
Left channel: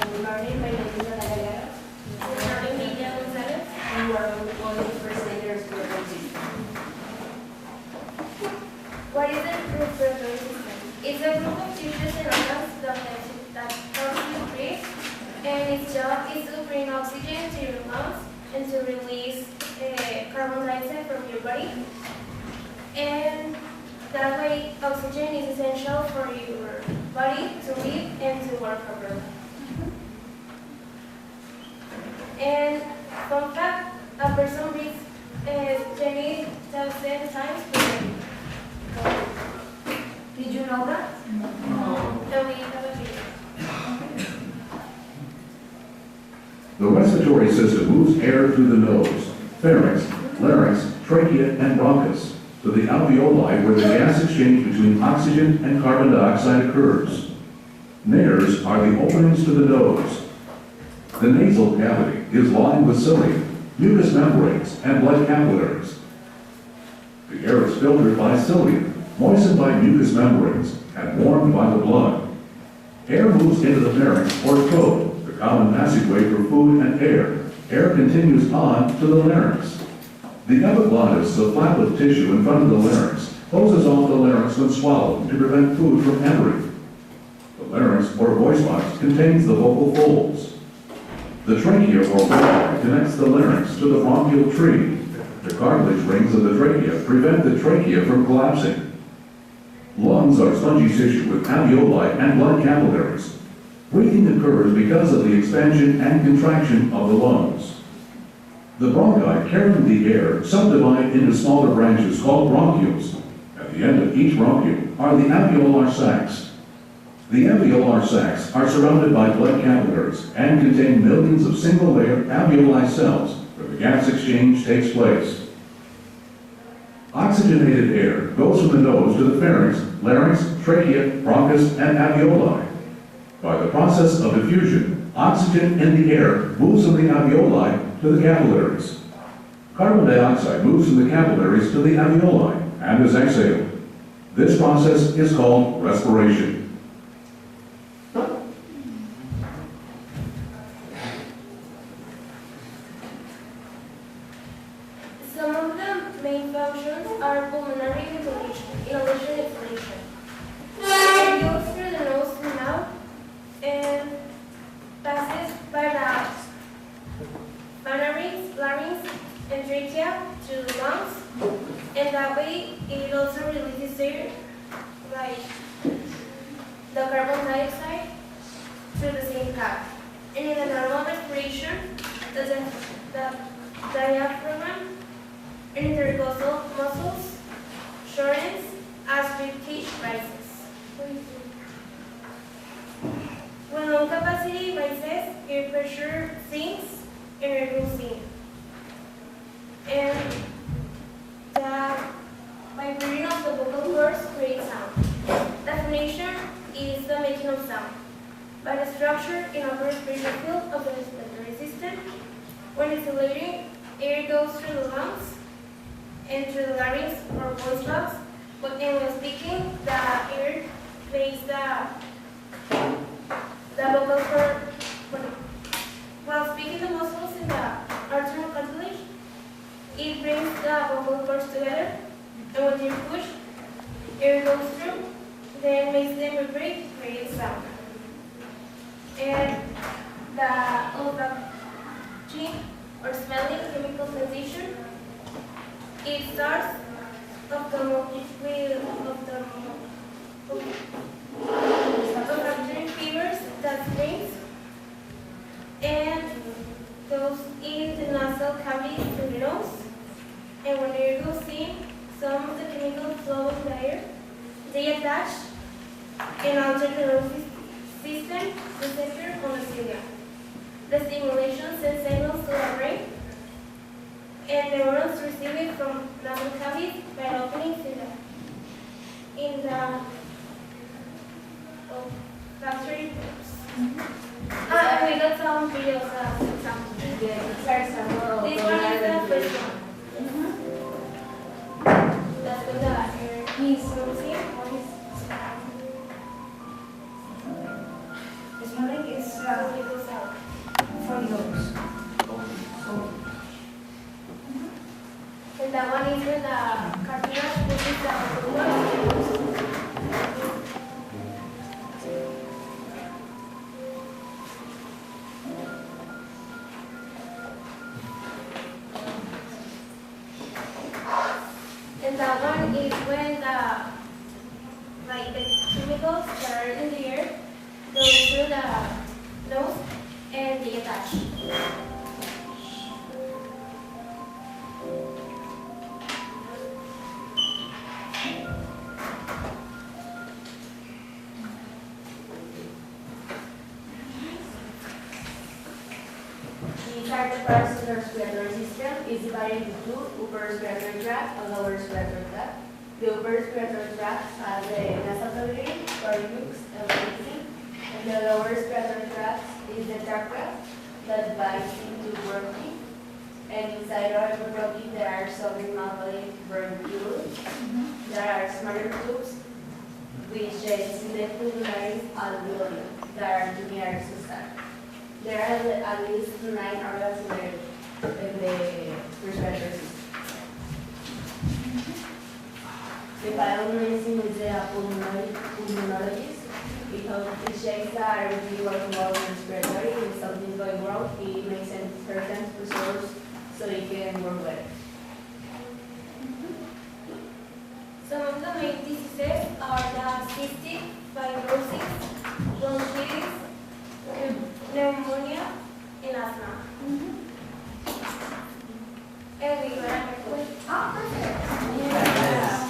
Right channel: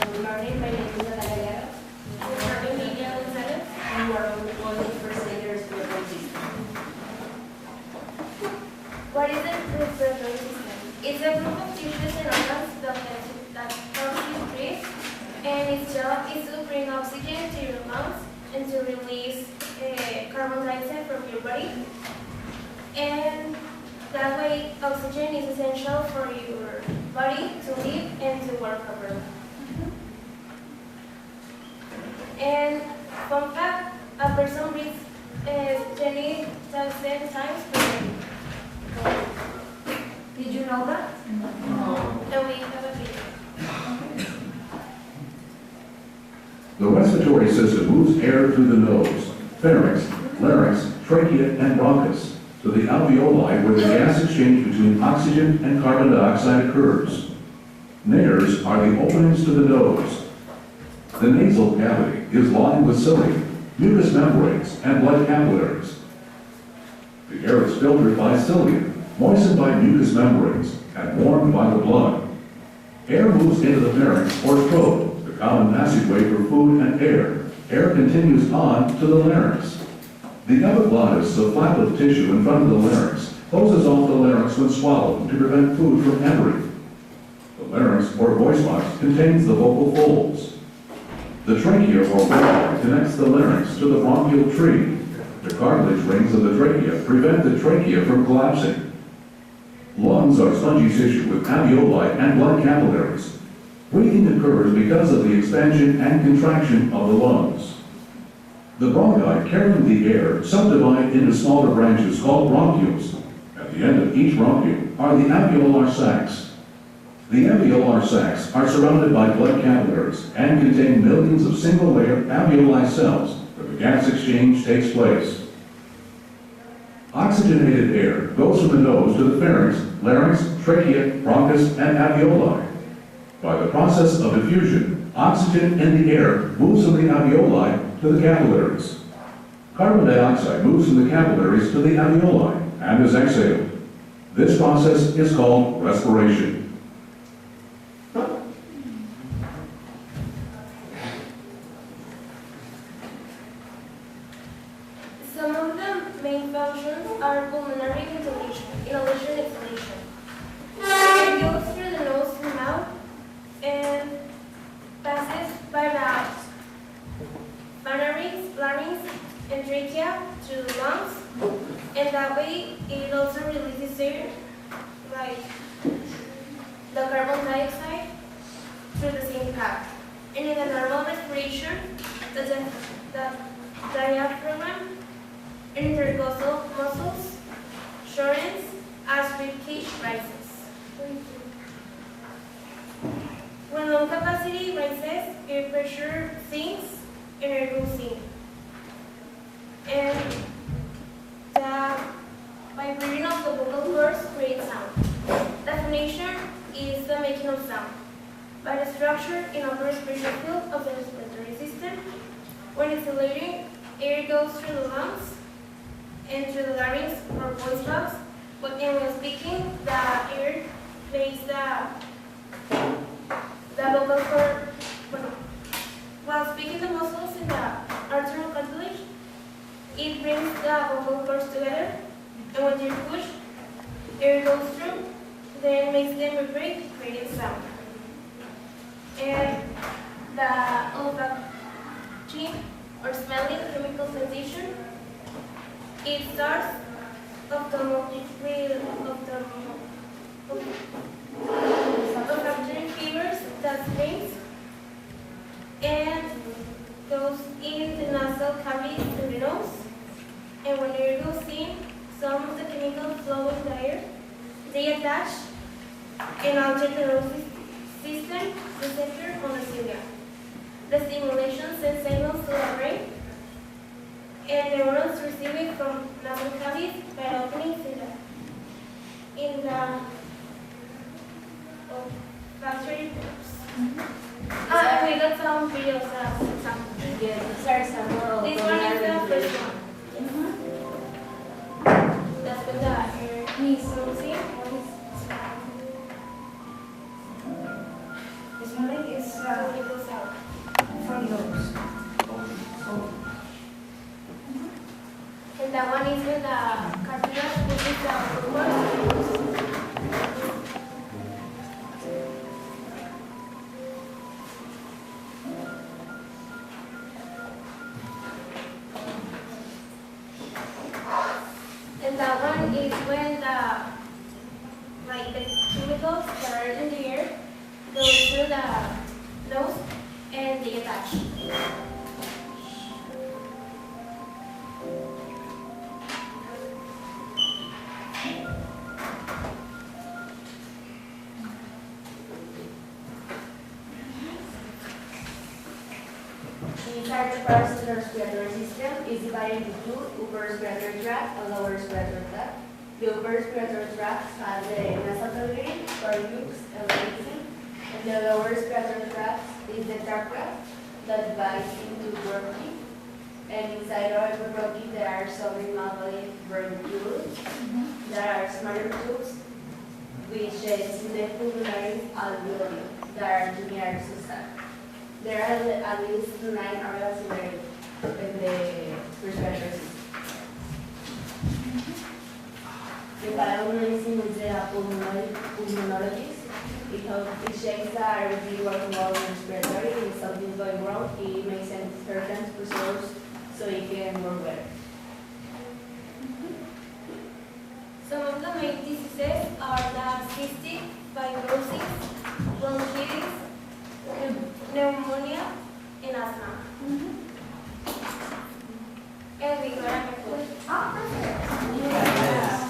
Good morning, my name is Natalia. Good morning, Lidia Gonzalez. And we are one of the first leaders for the system. What is the respiratory system? It's a group of tissues and organs that help you breathe, and its job is to bring oxygen to your lungs and to release carbon dioxide from your body. And that way, oxygen is essential for your body to live and to work properly. And fun fact, a person breathes 20,000 times per day. Did you know that? So we have a video. The respiratory system moves air through the nose, pharynx, larynx, trachea, and bronchus to the alveoli where the gas exchange between oxygen and carbon dioxide occurs. Nares are the openings to the nose. The nasal cavity is lined with cilia, mucous membranes, and blood capillaries. The air is filtered by cilia, moistened by mucous membranes and warmed by the blood. Air moves into the pharynx or throat, the common passageway for food and air. Air continues on to the larynx. The epiglottis, the flap of tissue in front of the larynx, closes off the larynx when swallowed to prevent food from entering. The larynx or voice box contains the vocal folds. The trachea or wall connects the larynx to the bronchial tree. The cartilage rings of the trachea prevent the trachea from collapsing. Lungs are spongy tissue with alveoli and blood capillaries. Breathing occurs because of the expansion and contraction of the lungs. The bronchi carrying the air subdivide into smaller branches called bronchioles. At the end of each bronchiole are the alveolar sacs. The alveolar sacs are surrounded by blood capillaries and contain millions of single-layer alveoli cells where the gas exchange takes place. Oxygenated air goes from the nose to the pharynx, larynx, trachea, bronchus, and alveoli. By the process of diffusion, oxygen in the air moves from the alveoli to the capillaries. Carbon dioxide moves from the capillaries to the alveoli and is exhaled. This process is called respiration. Some of the main functions are pulmonary ventilation, inhalation, exhalation. It goes through the nose and mouth and passes by the larynx, and trachea to the lungs, and that way it also releases air, like the carbon dioxide, through the same path. And in the normal respiration, the diaphragm and intercostal muscles shortens as rib cage rises. When lung capacity rises, air pressure sinks and air will sink. And the vibrating of the vocal cords creates sound. The phonation is the making of sound by the structure in upper respiratory field of the respiratory system. When exhalating, air goes through the lungs and through the larynx or voice box, but when speaking, the air makes the vocal cord. While speaking, the muscles in the arterial cartilage, it brings the vocal cords together, and when you push, air goes through, then makes them vibrate, creating sound. And the olfactory or smelling chemical sensation, it starts olfactory fibers that springs and goes in the nasal cavity through the nose. And when air goes in, some of the chemicals flow in the air. They attach and alter the nervous system receptor on the cilia. The stimulation sends signals to the brain, and neurons receive it from nasal cavities by openings in the olfactory pores. We got some videos as examples. This one is the first one. That's when the air is releasing or is The smelling is when it goes out. from those. And that one is when the cartilage pushes the vocal. And that one is when the chemicals that are in the air go through the nose and they attach. These are the parts of the respiratory system. Is divided into two: upper respiratory tract and lower respiratory tract. The upper respiratory tract has the nasal cavity, pharynx, and larynx, and the lower respiratory tract is the trachea that divides into bronchi And inside of every rocket there are some magnetic molecules that are smaller tubes which is in the pulmonary alveoli that are 2 meters inside. There are at least 9 areas in the respiratory system. The biomedicine is a pulmonologist. It checks that everything working well in respiratory. If something's going wrong, it makes certain procedures so it can work better. Some of the main diseases are the cystic fibrosis, bronchitis, pneumonia, and asthma.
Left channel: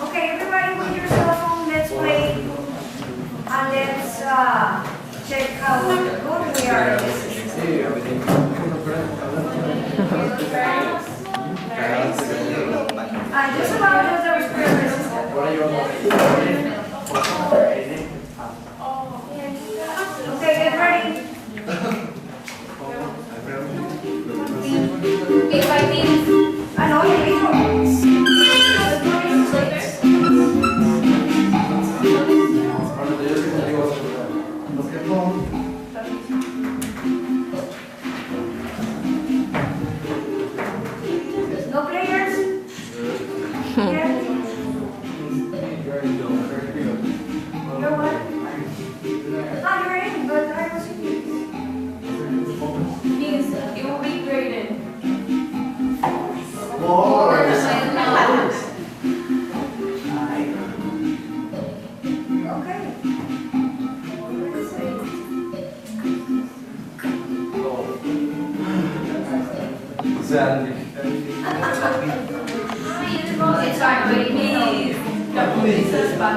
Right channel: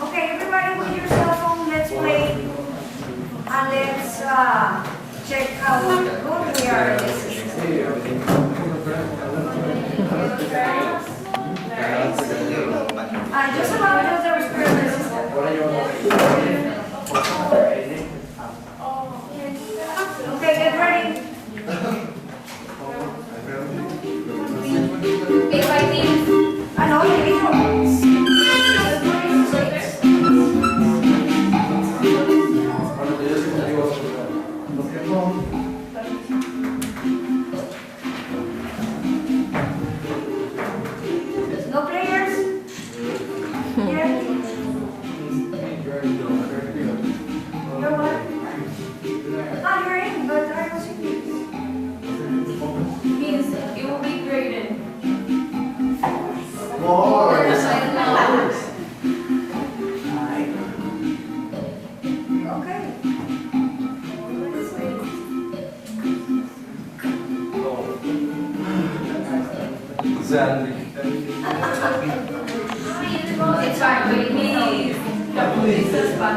Okay, everybody with your cell phone, let's play and let's check how good we are at this. And just about just the respiratory system. Okay, get ready. Okay, 5 minutes. I know you need to. No players? Yeah. You're what? Ah, you're in, but I was confused. Means it will be graded. Okay. It's fine, but it means this is fun.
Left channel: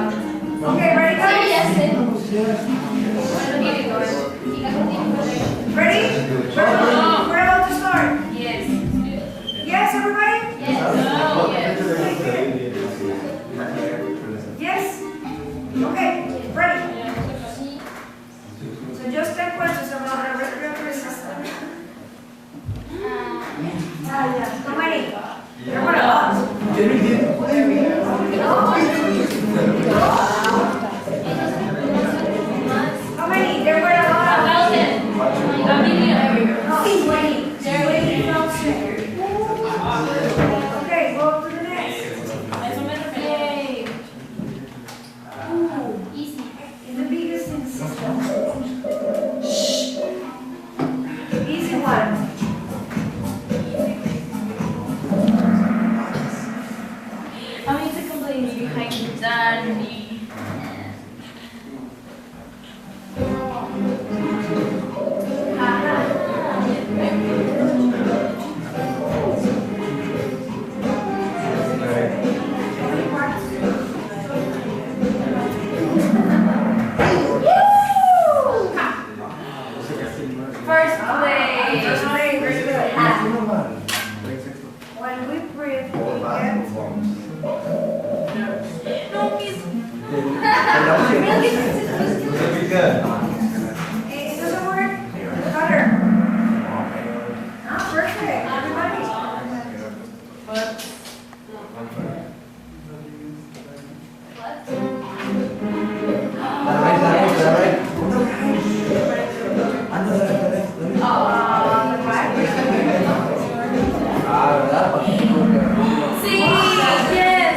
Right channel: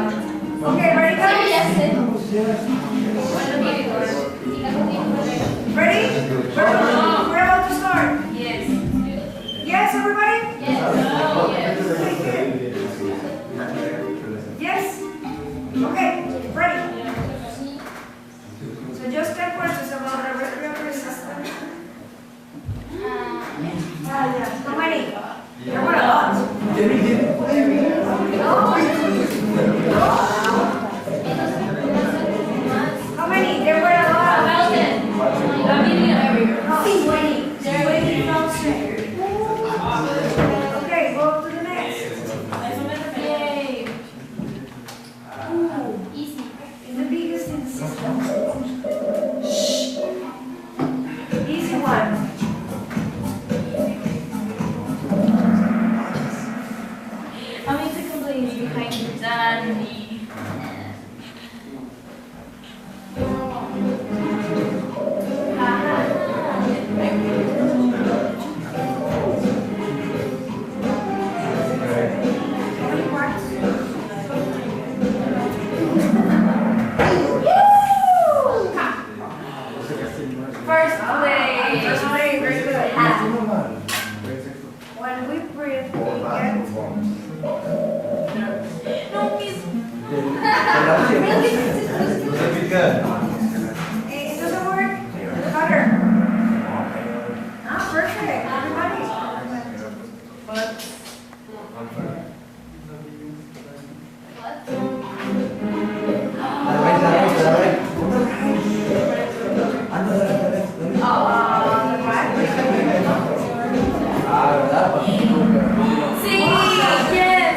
Okay, ready guys? Ready? We're about to start. Yes. Yes, everybody? Yes? Okay, ready? So just 10 questions about the respiratory system. Yeah. How many? There were a lot. How many? There were a lot. 20. Okay, go to the next. Yay. Ooh, easy. It's the biggest in the system. Shh. Easy one. How many complaints behind Danny? First place. First place, very good. When we breathe, we get. No, miss. It doesn't work. Cutter. Ah, perfect. Everybody. Sí, yes.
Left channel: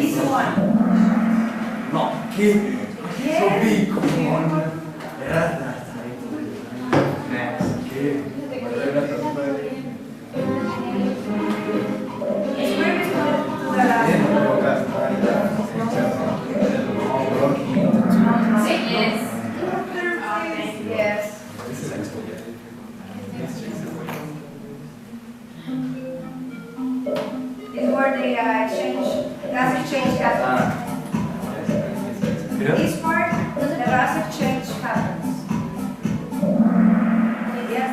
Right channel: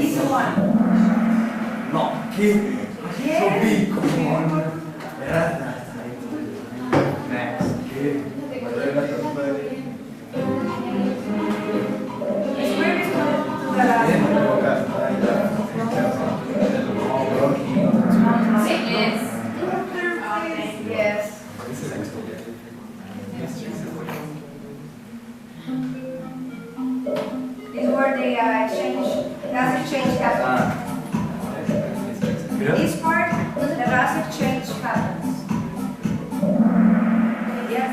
Easy one. Yes. This is where the gas exchange happens. This part, the gas exchange happens. Yes.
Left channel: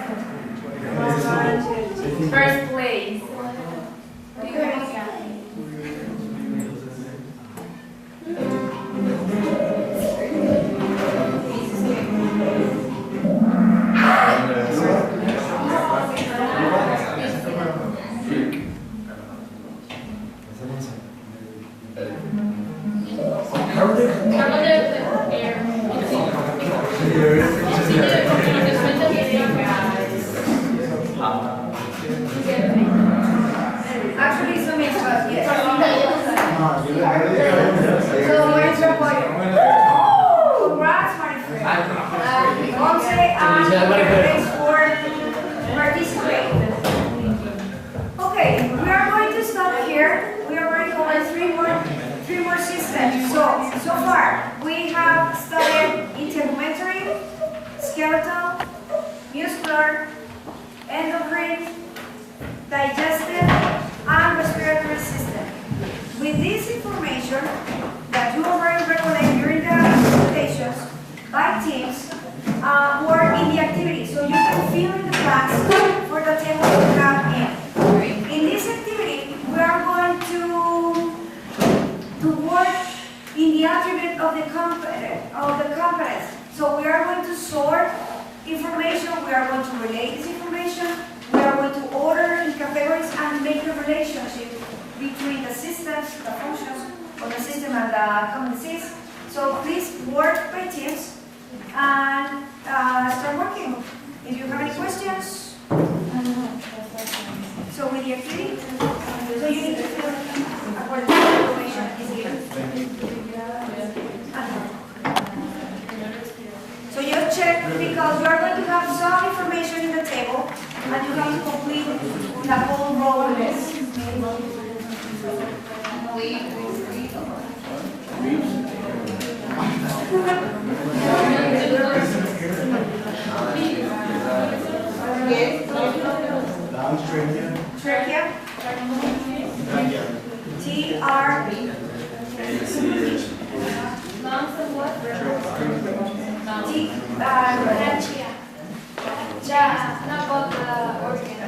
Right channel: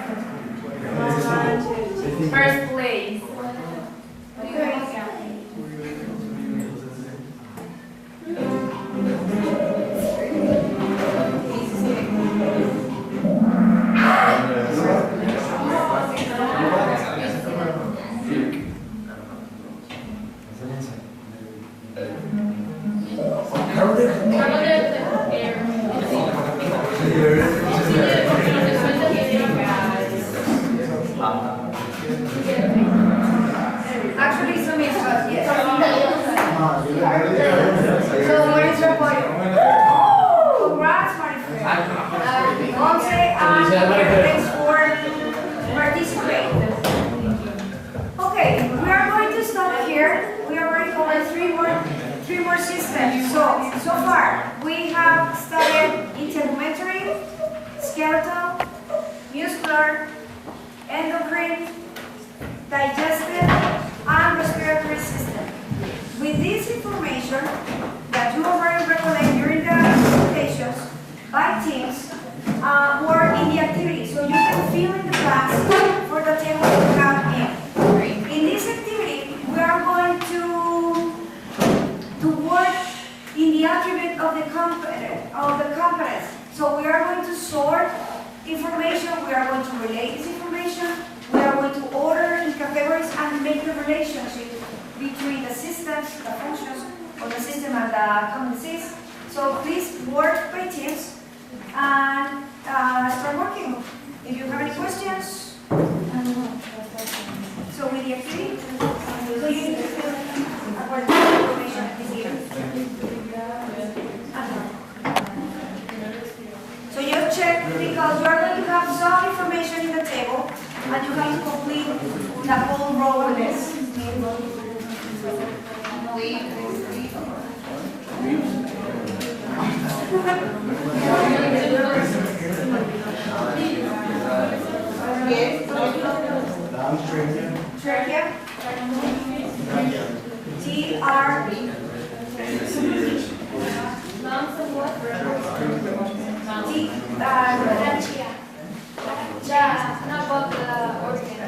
Actually, it's a mix, but yes. So what is your point? Oh, congrats, my friend. Thanks for participating. Okay, we are going to stop here. We are going to cover three more systems. So far, we have studied integumentary, skeletal, muscular, endocrine, digestive, and respiratory system. With this information that you already recollect during the presentations by teams, or in the activity, so you can fill in the blanks for the table you have in. In this activity, we are going to work in the attribute of the competence. So we are going to sort information, we are going to relate this information, we are going to order in categories and make the relationship between the systems, the functions of the system and the common disease. So please work by teams and start working. If you have any questions, so with the activity, so you need to fill according to the information is given. So just check because you are going to have some information in the table and you have to complete the whole row of this. Trachea. T-R. Lungs and what? Not about the organ.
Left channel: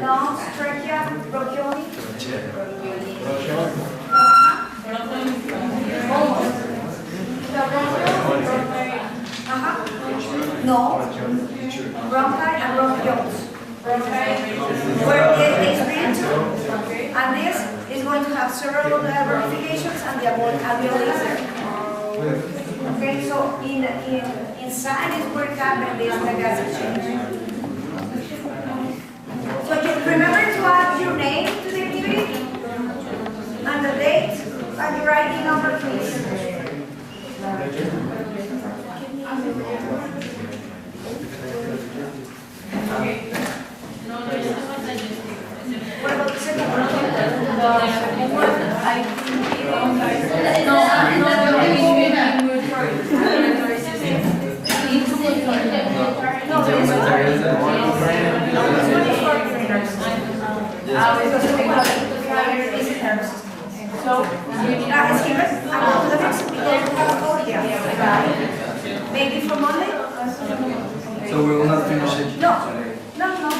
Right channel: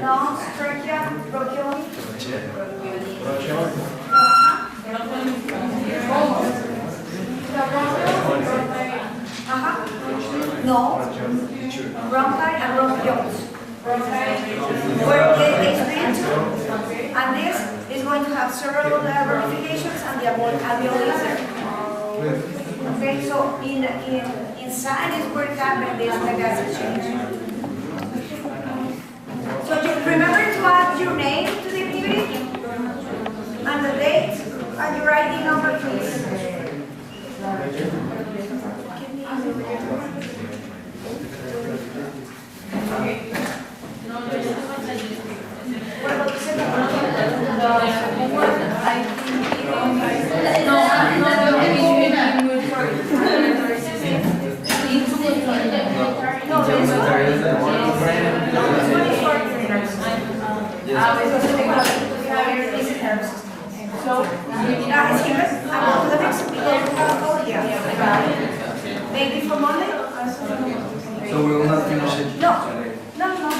Lungs, trachea, bronchioli. No. Bronchi and bronchioles. Where they split two. And this is going to have several ramifications and the alveoli is there. Okay, so inside is where happens this gas exchange. So you remember to add your name to the activity and the date and your ID number, please. What about the second one? So, skip it and go to the next because maybe for Monday? So we will not finish it? No,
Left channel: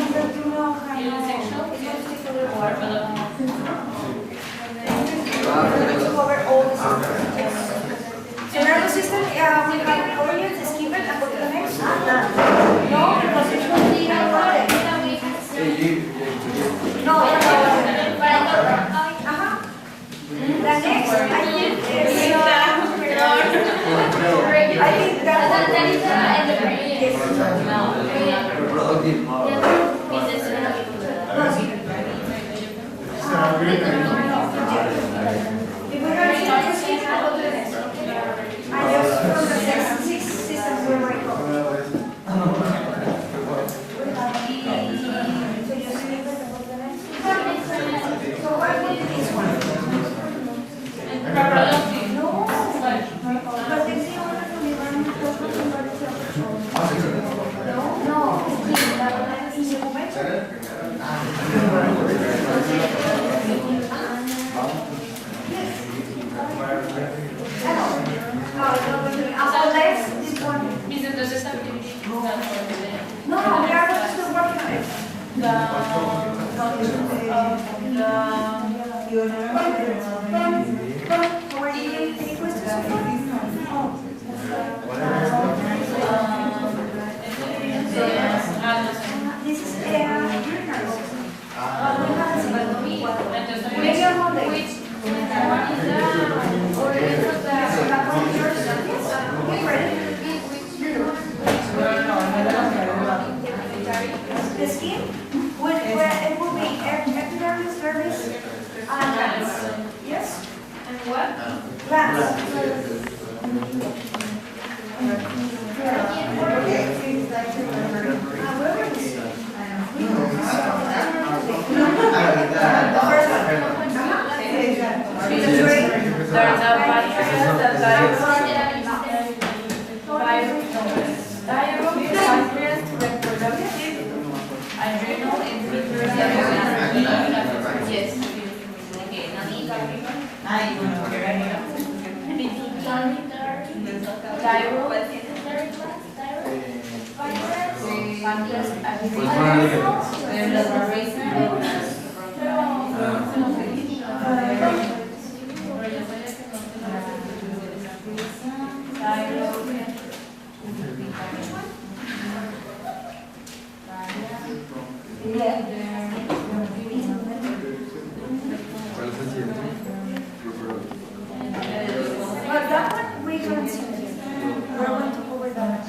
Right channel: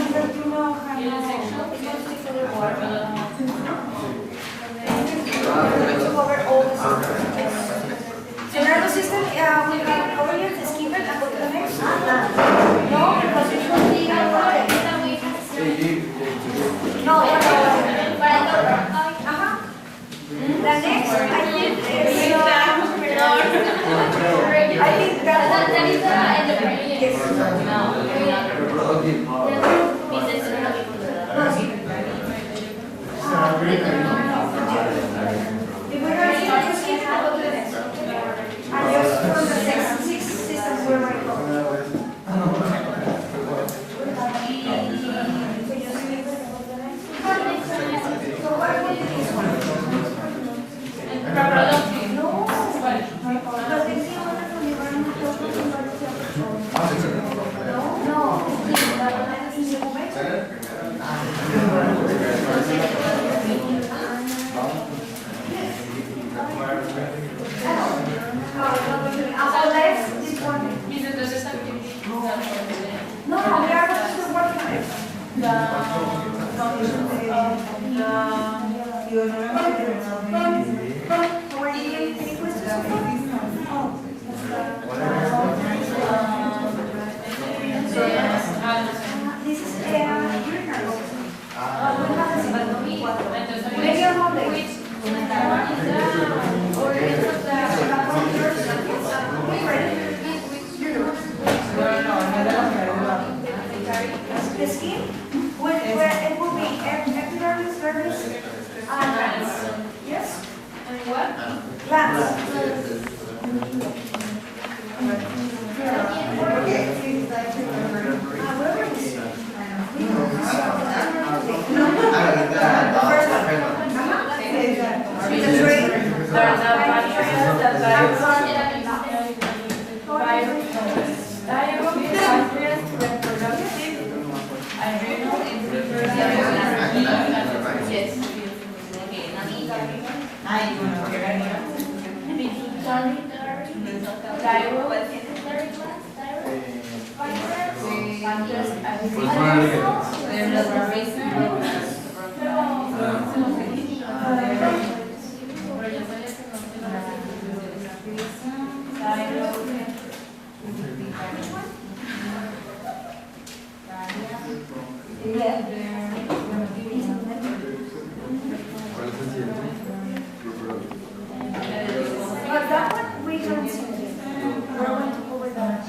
because you know how it's going to take a little while. We're going to cover all the systems. So nervous system, we have covered it, skip it and go to the next. No, because it's going to be the next, I think, is I think that is if we're going to skip it, I'll go to the next one. And just from the six systems we're going to go. So what about this one? No, we are not still working on it. So what are you doing? what? But that one we can see. We're going to cover that.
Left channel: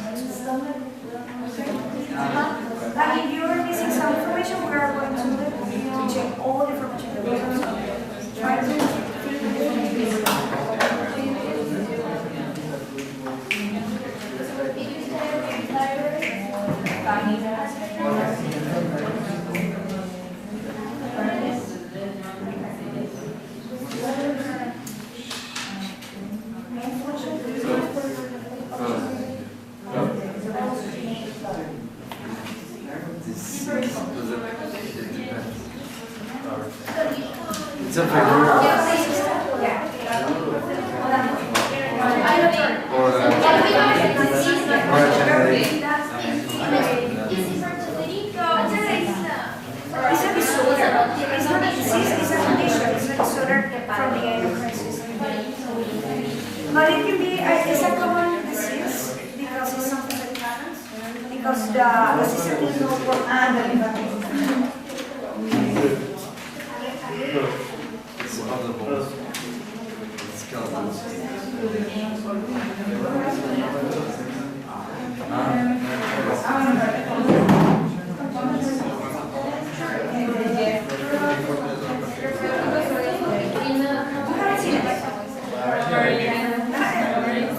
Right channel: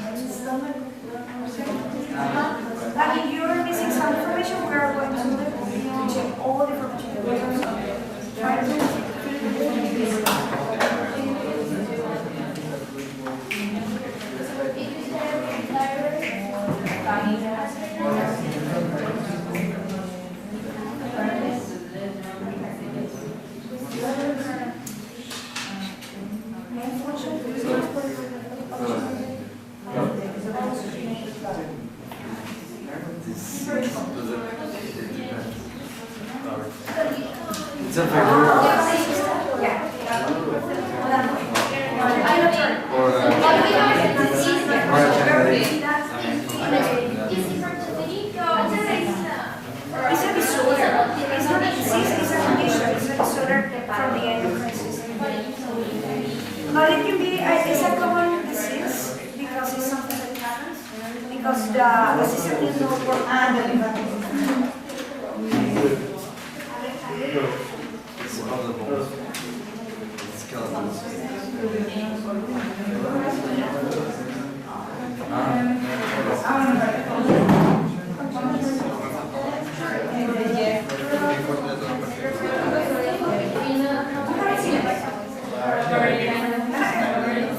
Like if you're missing some information, we are going to check all the information that we have. Right? It's a favorite. It's a disorder. It's not a disease, it's a condition. It's a disorder from the endocrine system. But it can be, it's a common disease because it's something that happens. Because the system is not work and the lymphatic. It's of the bones. Skeletons.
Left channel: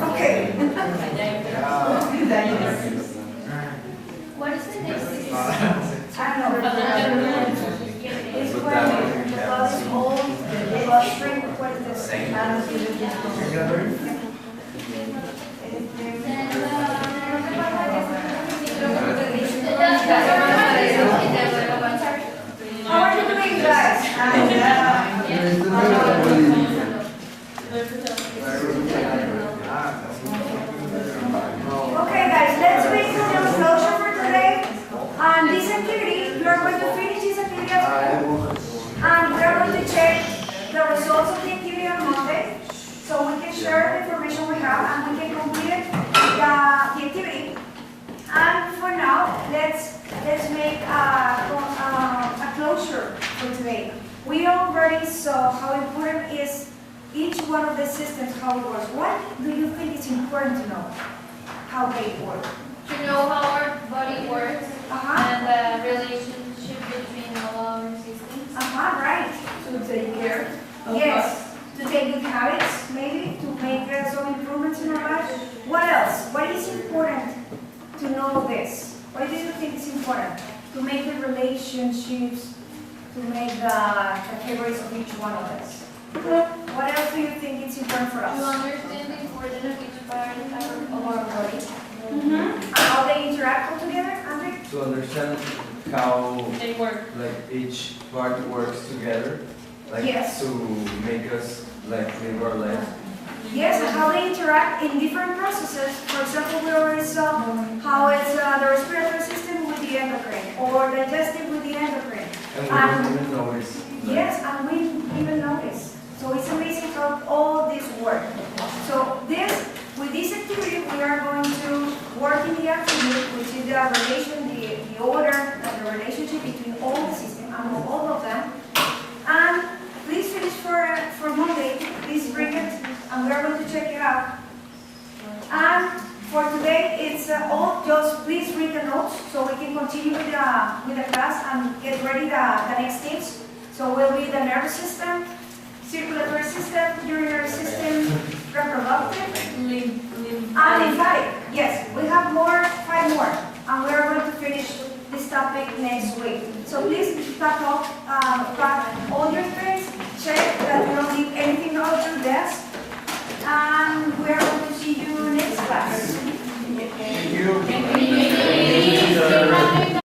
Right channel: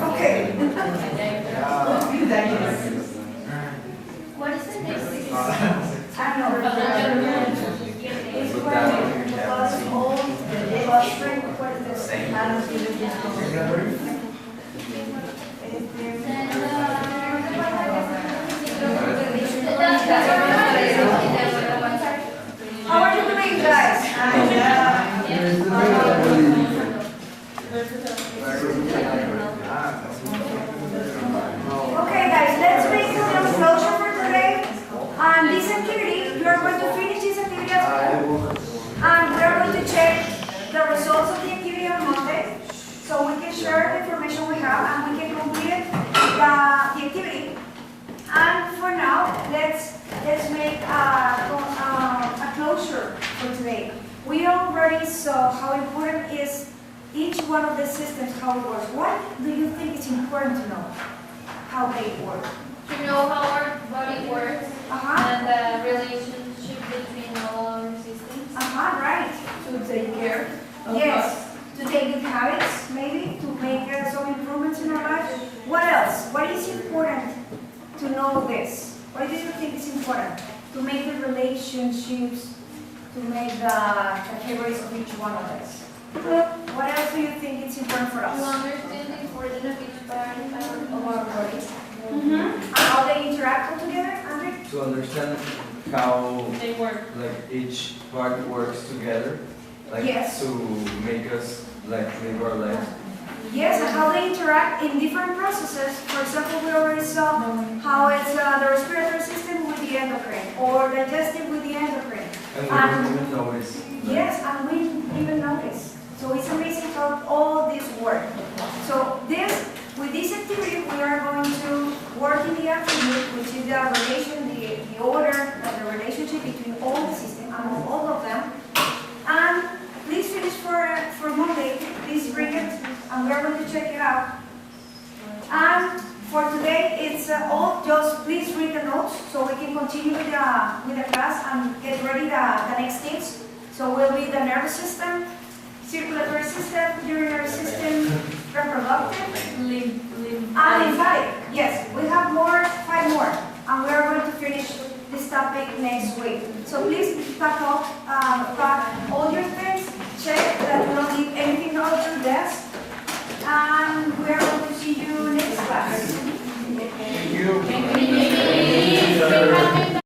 Okay. What is the next? I don't know. It's where the blood is old, the bloodstream, what is this? How are you doing, guys? Okay, guys, let's make a little closure for today. And this activity, you are going to finish this activity at home. And we are going to check the results of the activity on Monday. So we can share the information we have and we can complete the activity. And for now, let's make a closure for today. We already saw how important is each one of the systems, how it works. What do you think is important to know? How they work? To know how our body works and the relationship between all our systems. Right. To take care of Yes. To take good habits, maybe, to make some improvements in our life. What else? What is important to know this? What do you think is important? To make the relationships, to make the categories of each one of us. What else do you think is important for To us? understand the importance of each part of our body. And how they interact all together, Andre? To understand how They work. like each part works together, like Yes. to make us like live our lives. Yes, and how they interact in different processes. For example, we already saw how it's the respiratory system with the endocrine, or digestive with the endocrine. And we don't even know it's like, Yes, and we even notice. So it's amazing how all this work. So with this activity, we are going to work in the attribute, which is the relation, the order, and the relationship between all the systems, among all of them. And please finish for Monday. Please bring it, and we are going to check it out. And for today, it's all just please read the notes so we can continue with the class and get ready the next tips. So will be the nervous system, circulatory system, urinary system, reproductive, lymphatic. Yes, we have 5 more, and we are going to finish this topic next week. So please pack all your things, check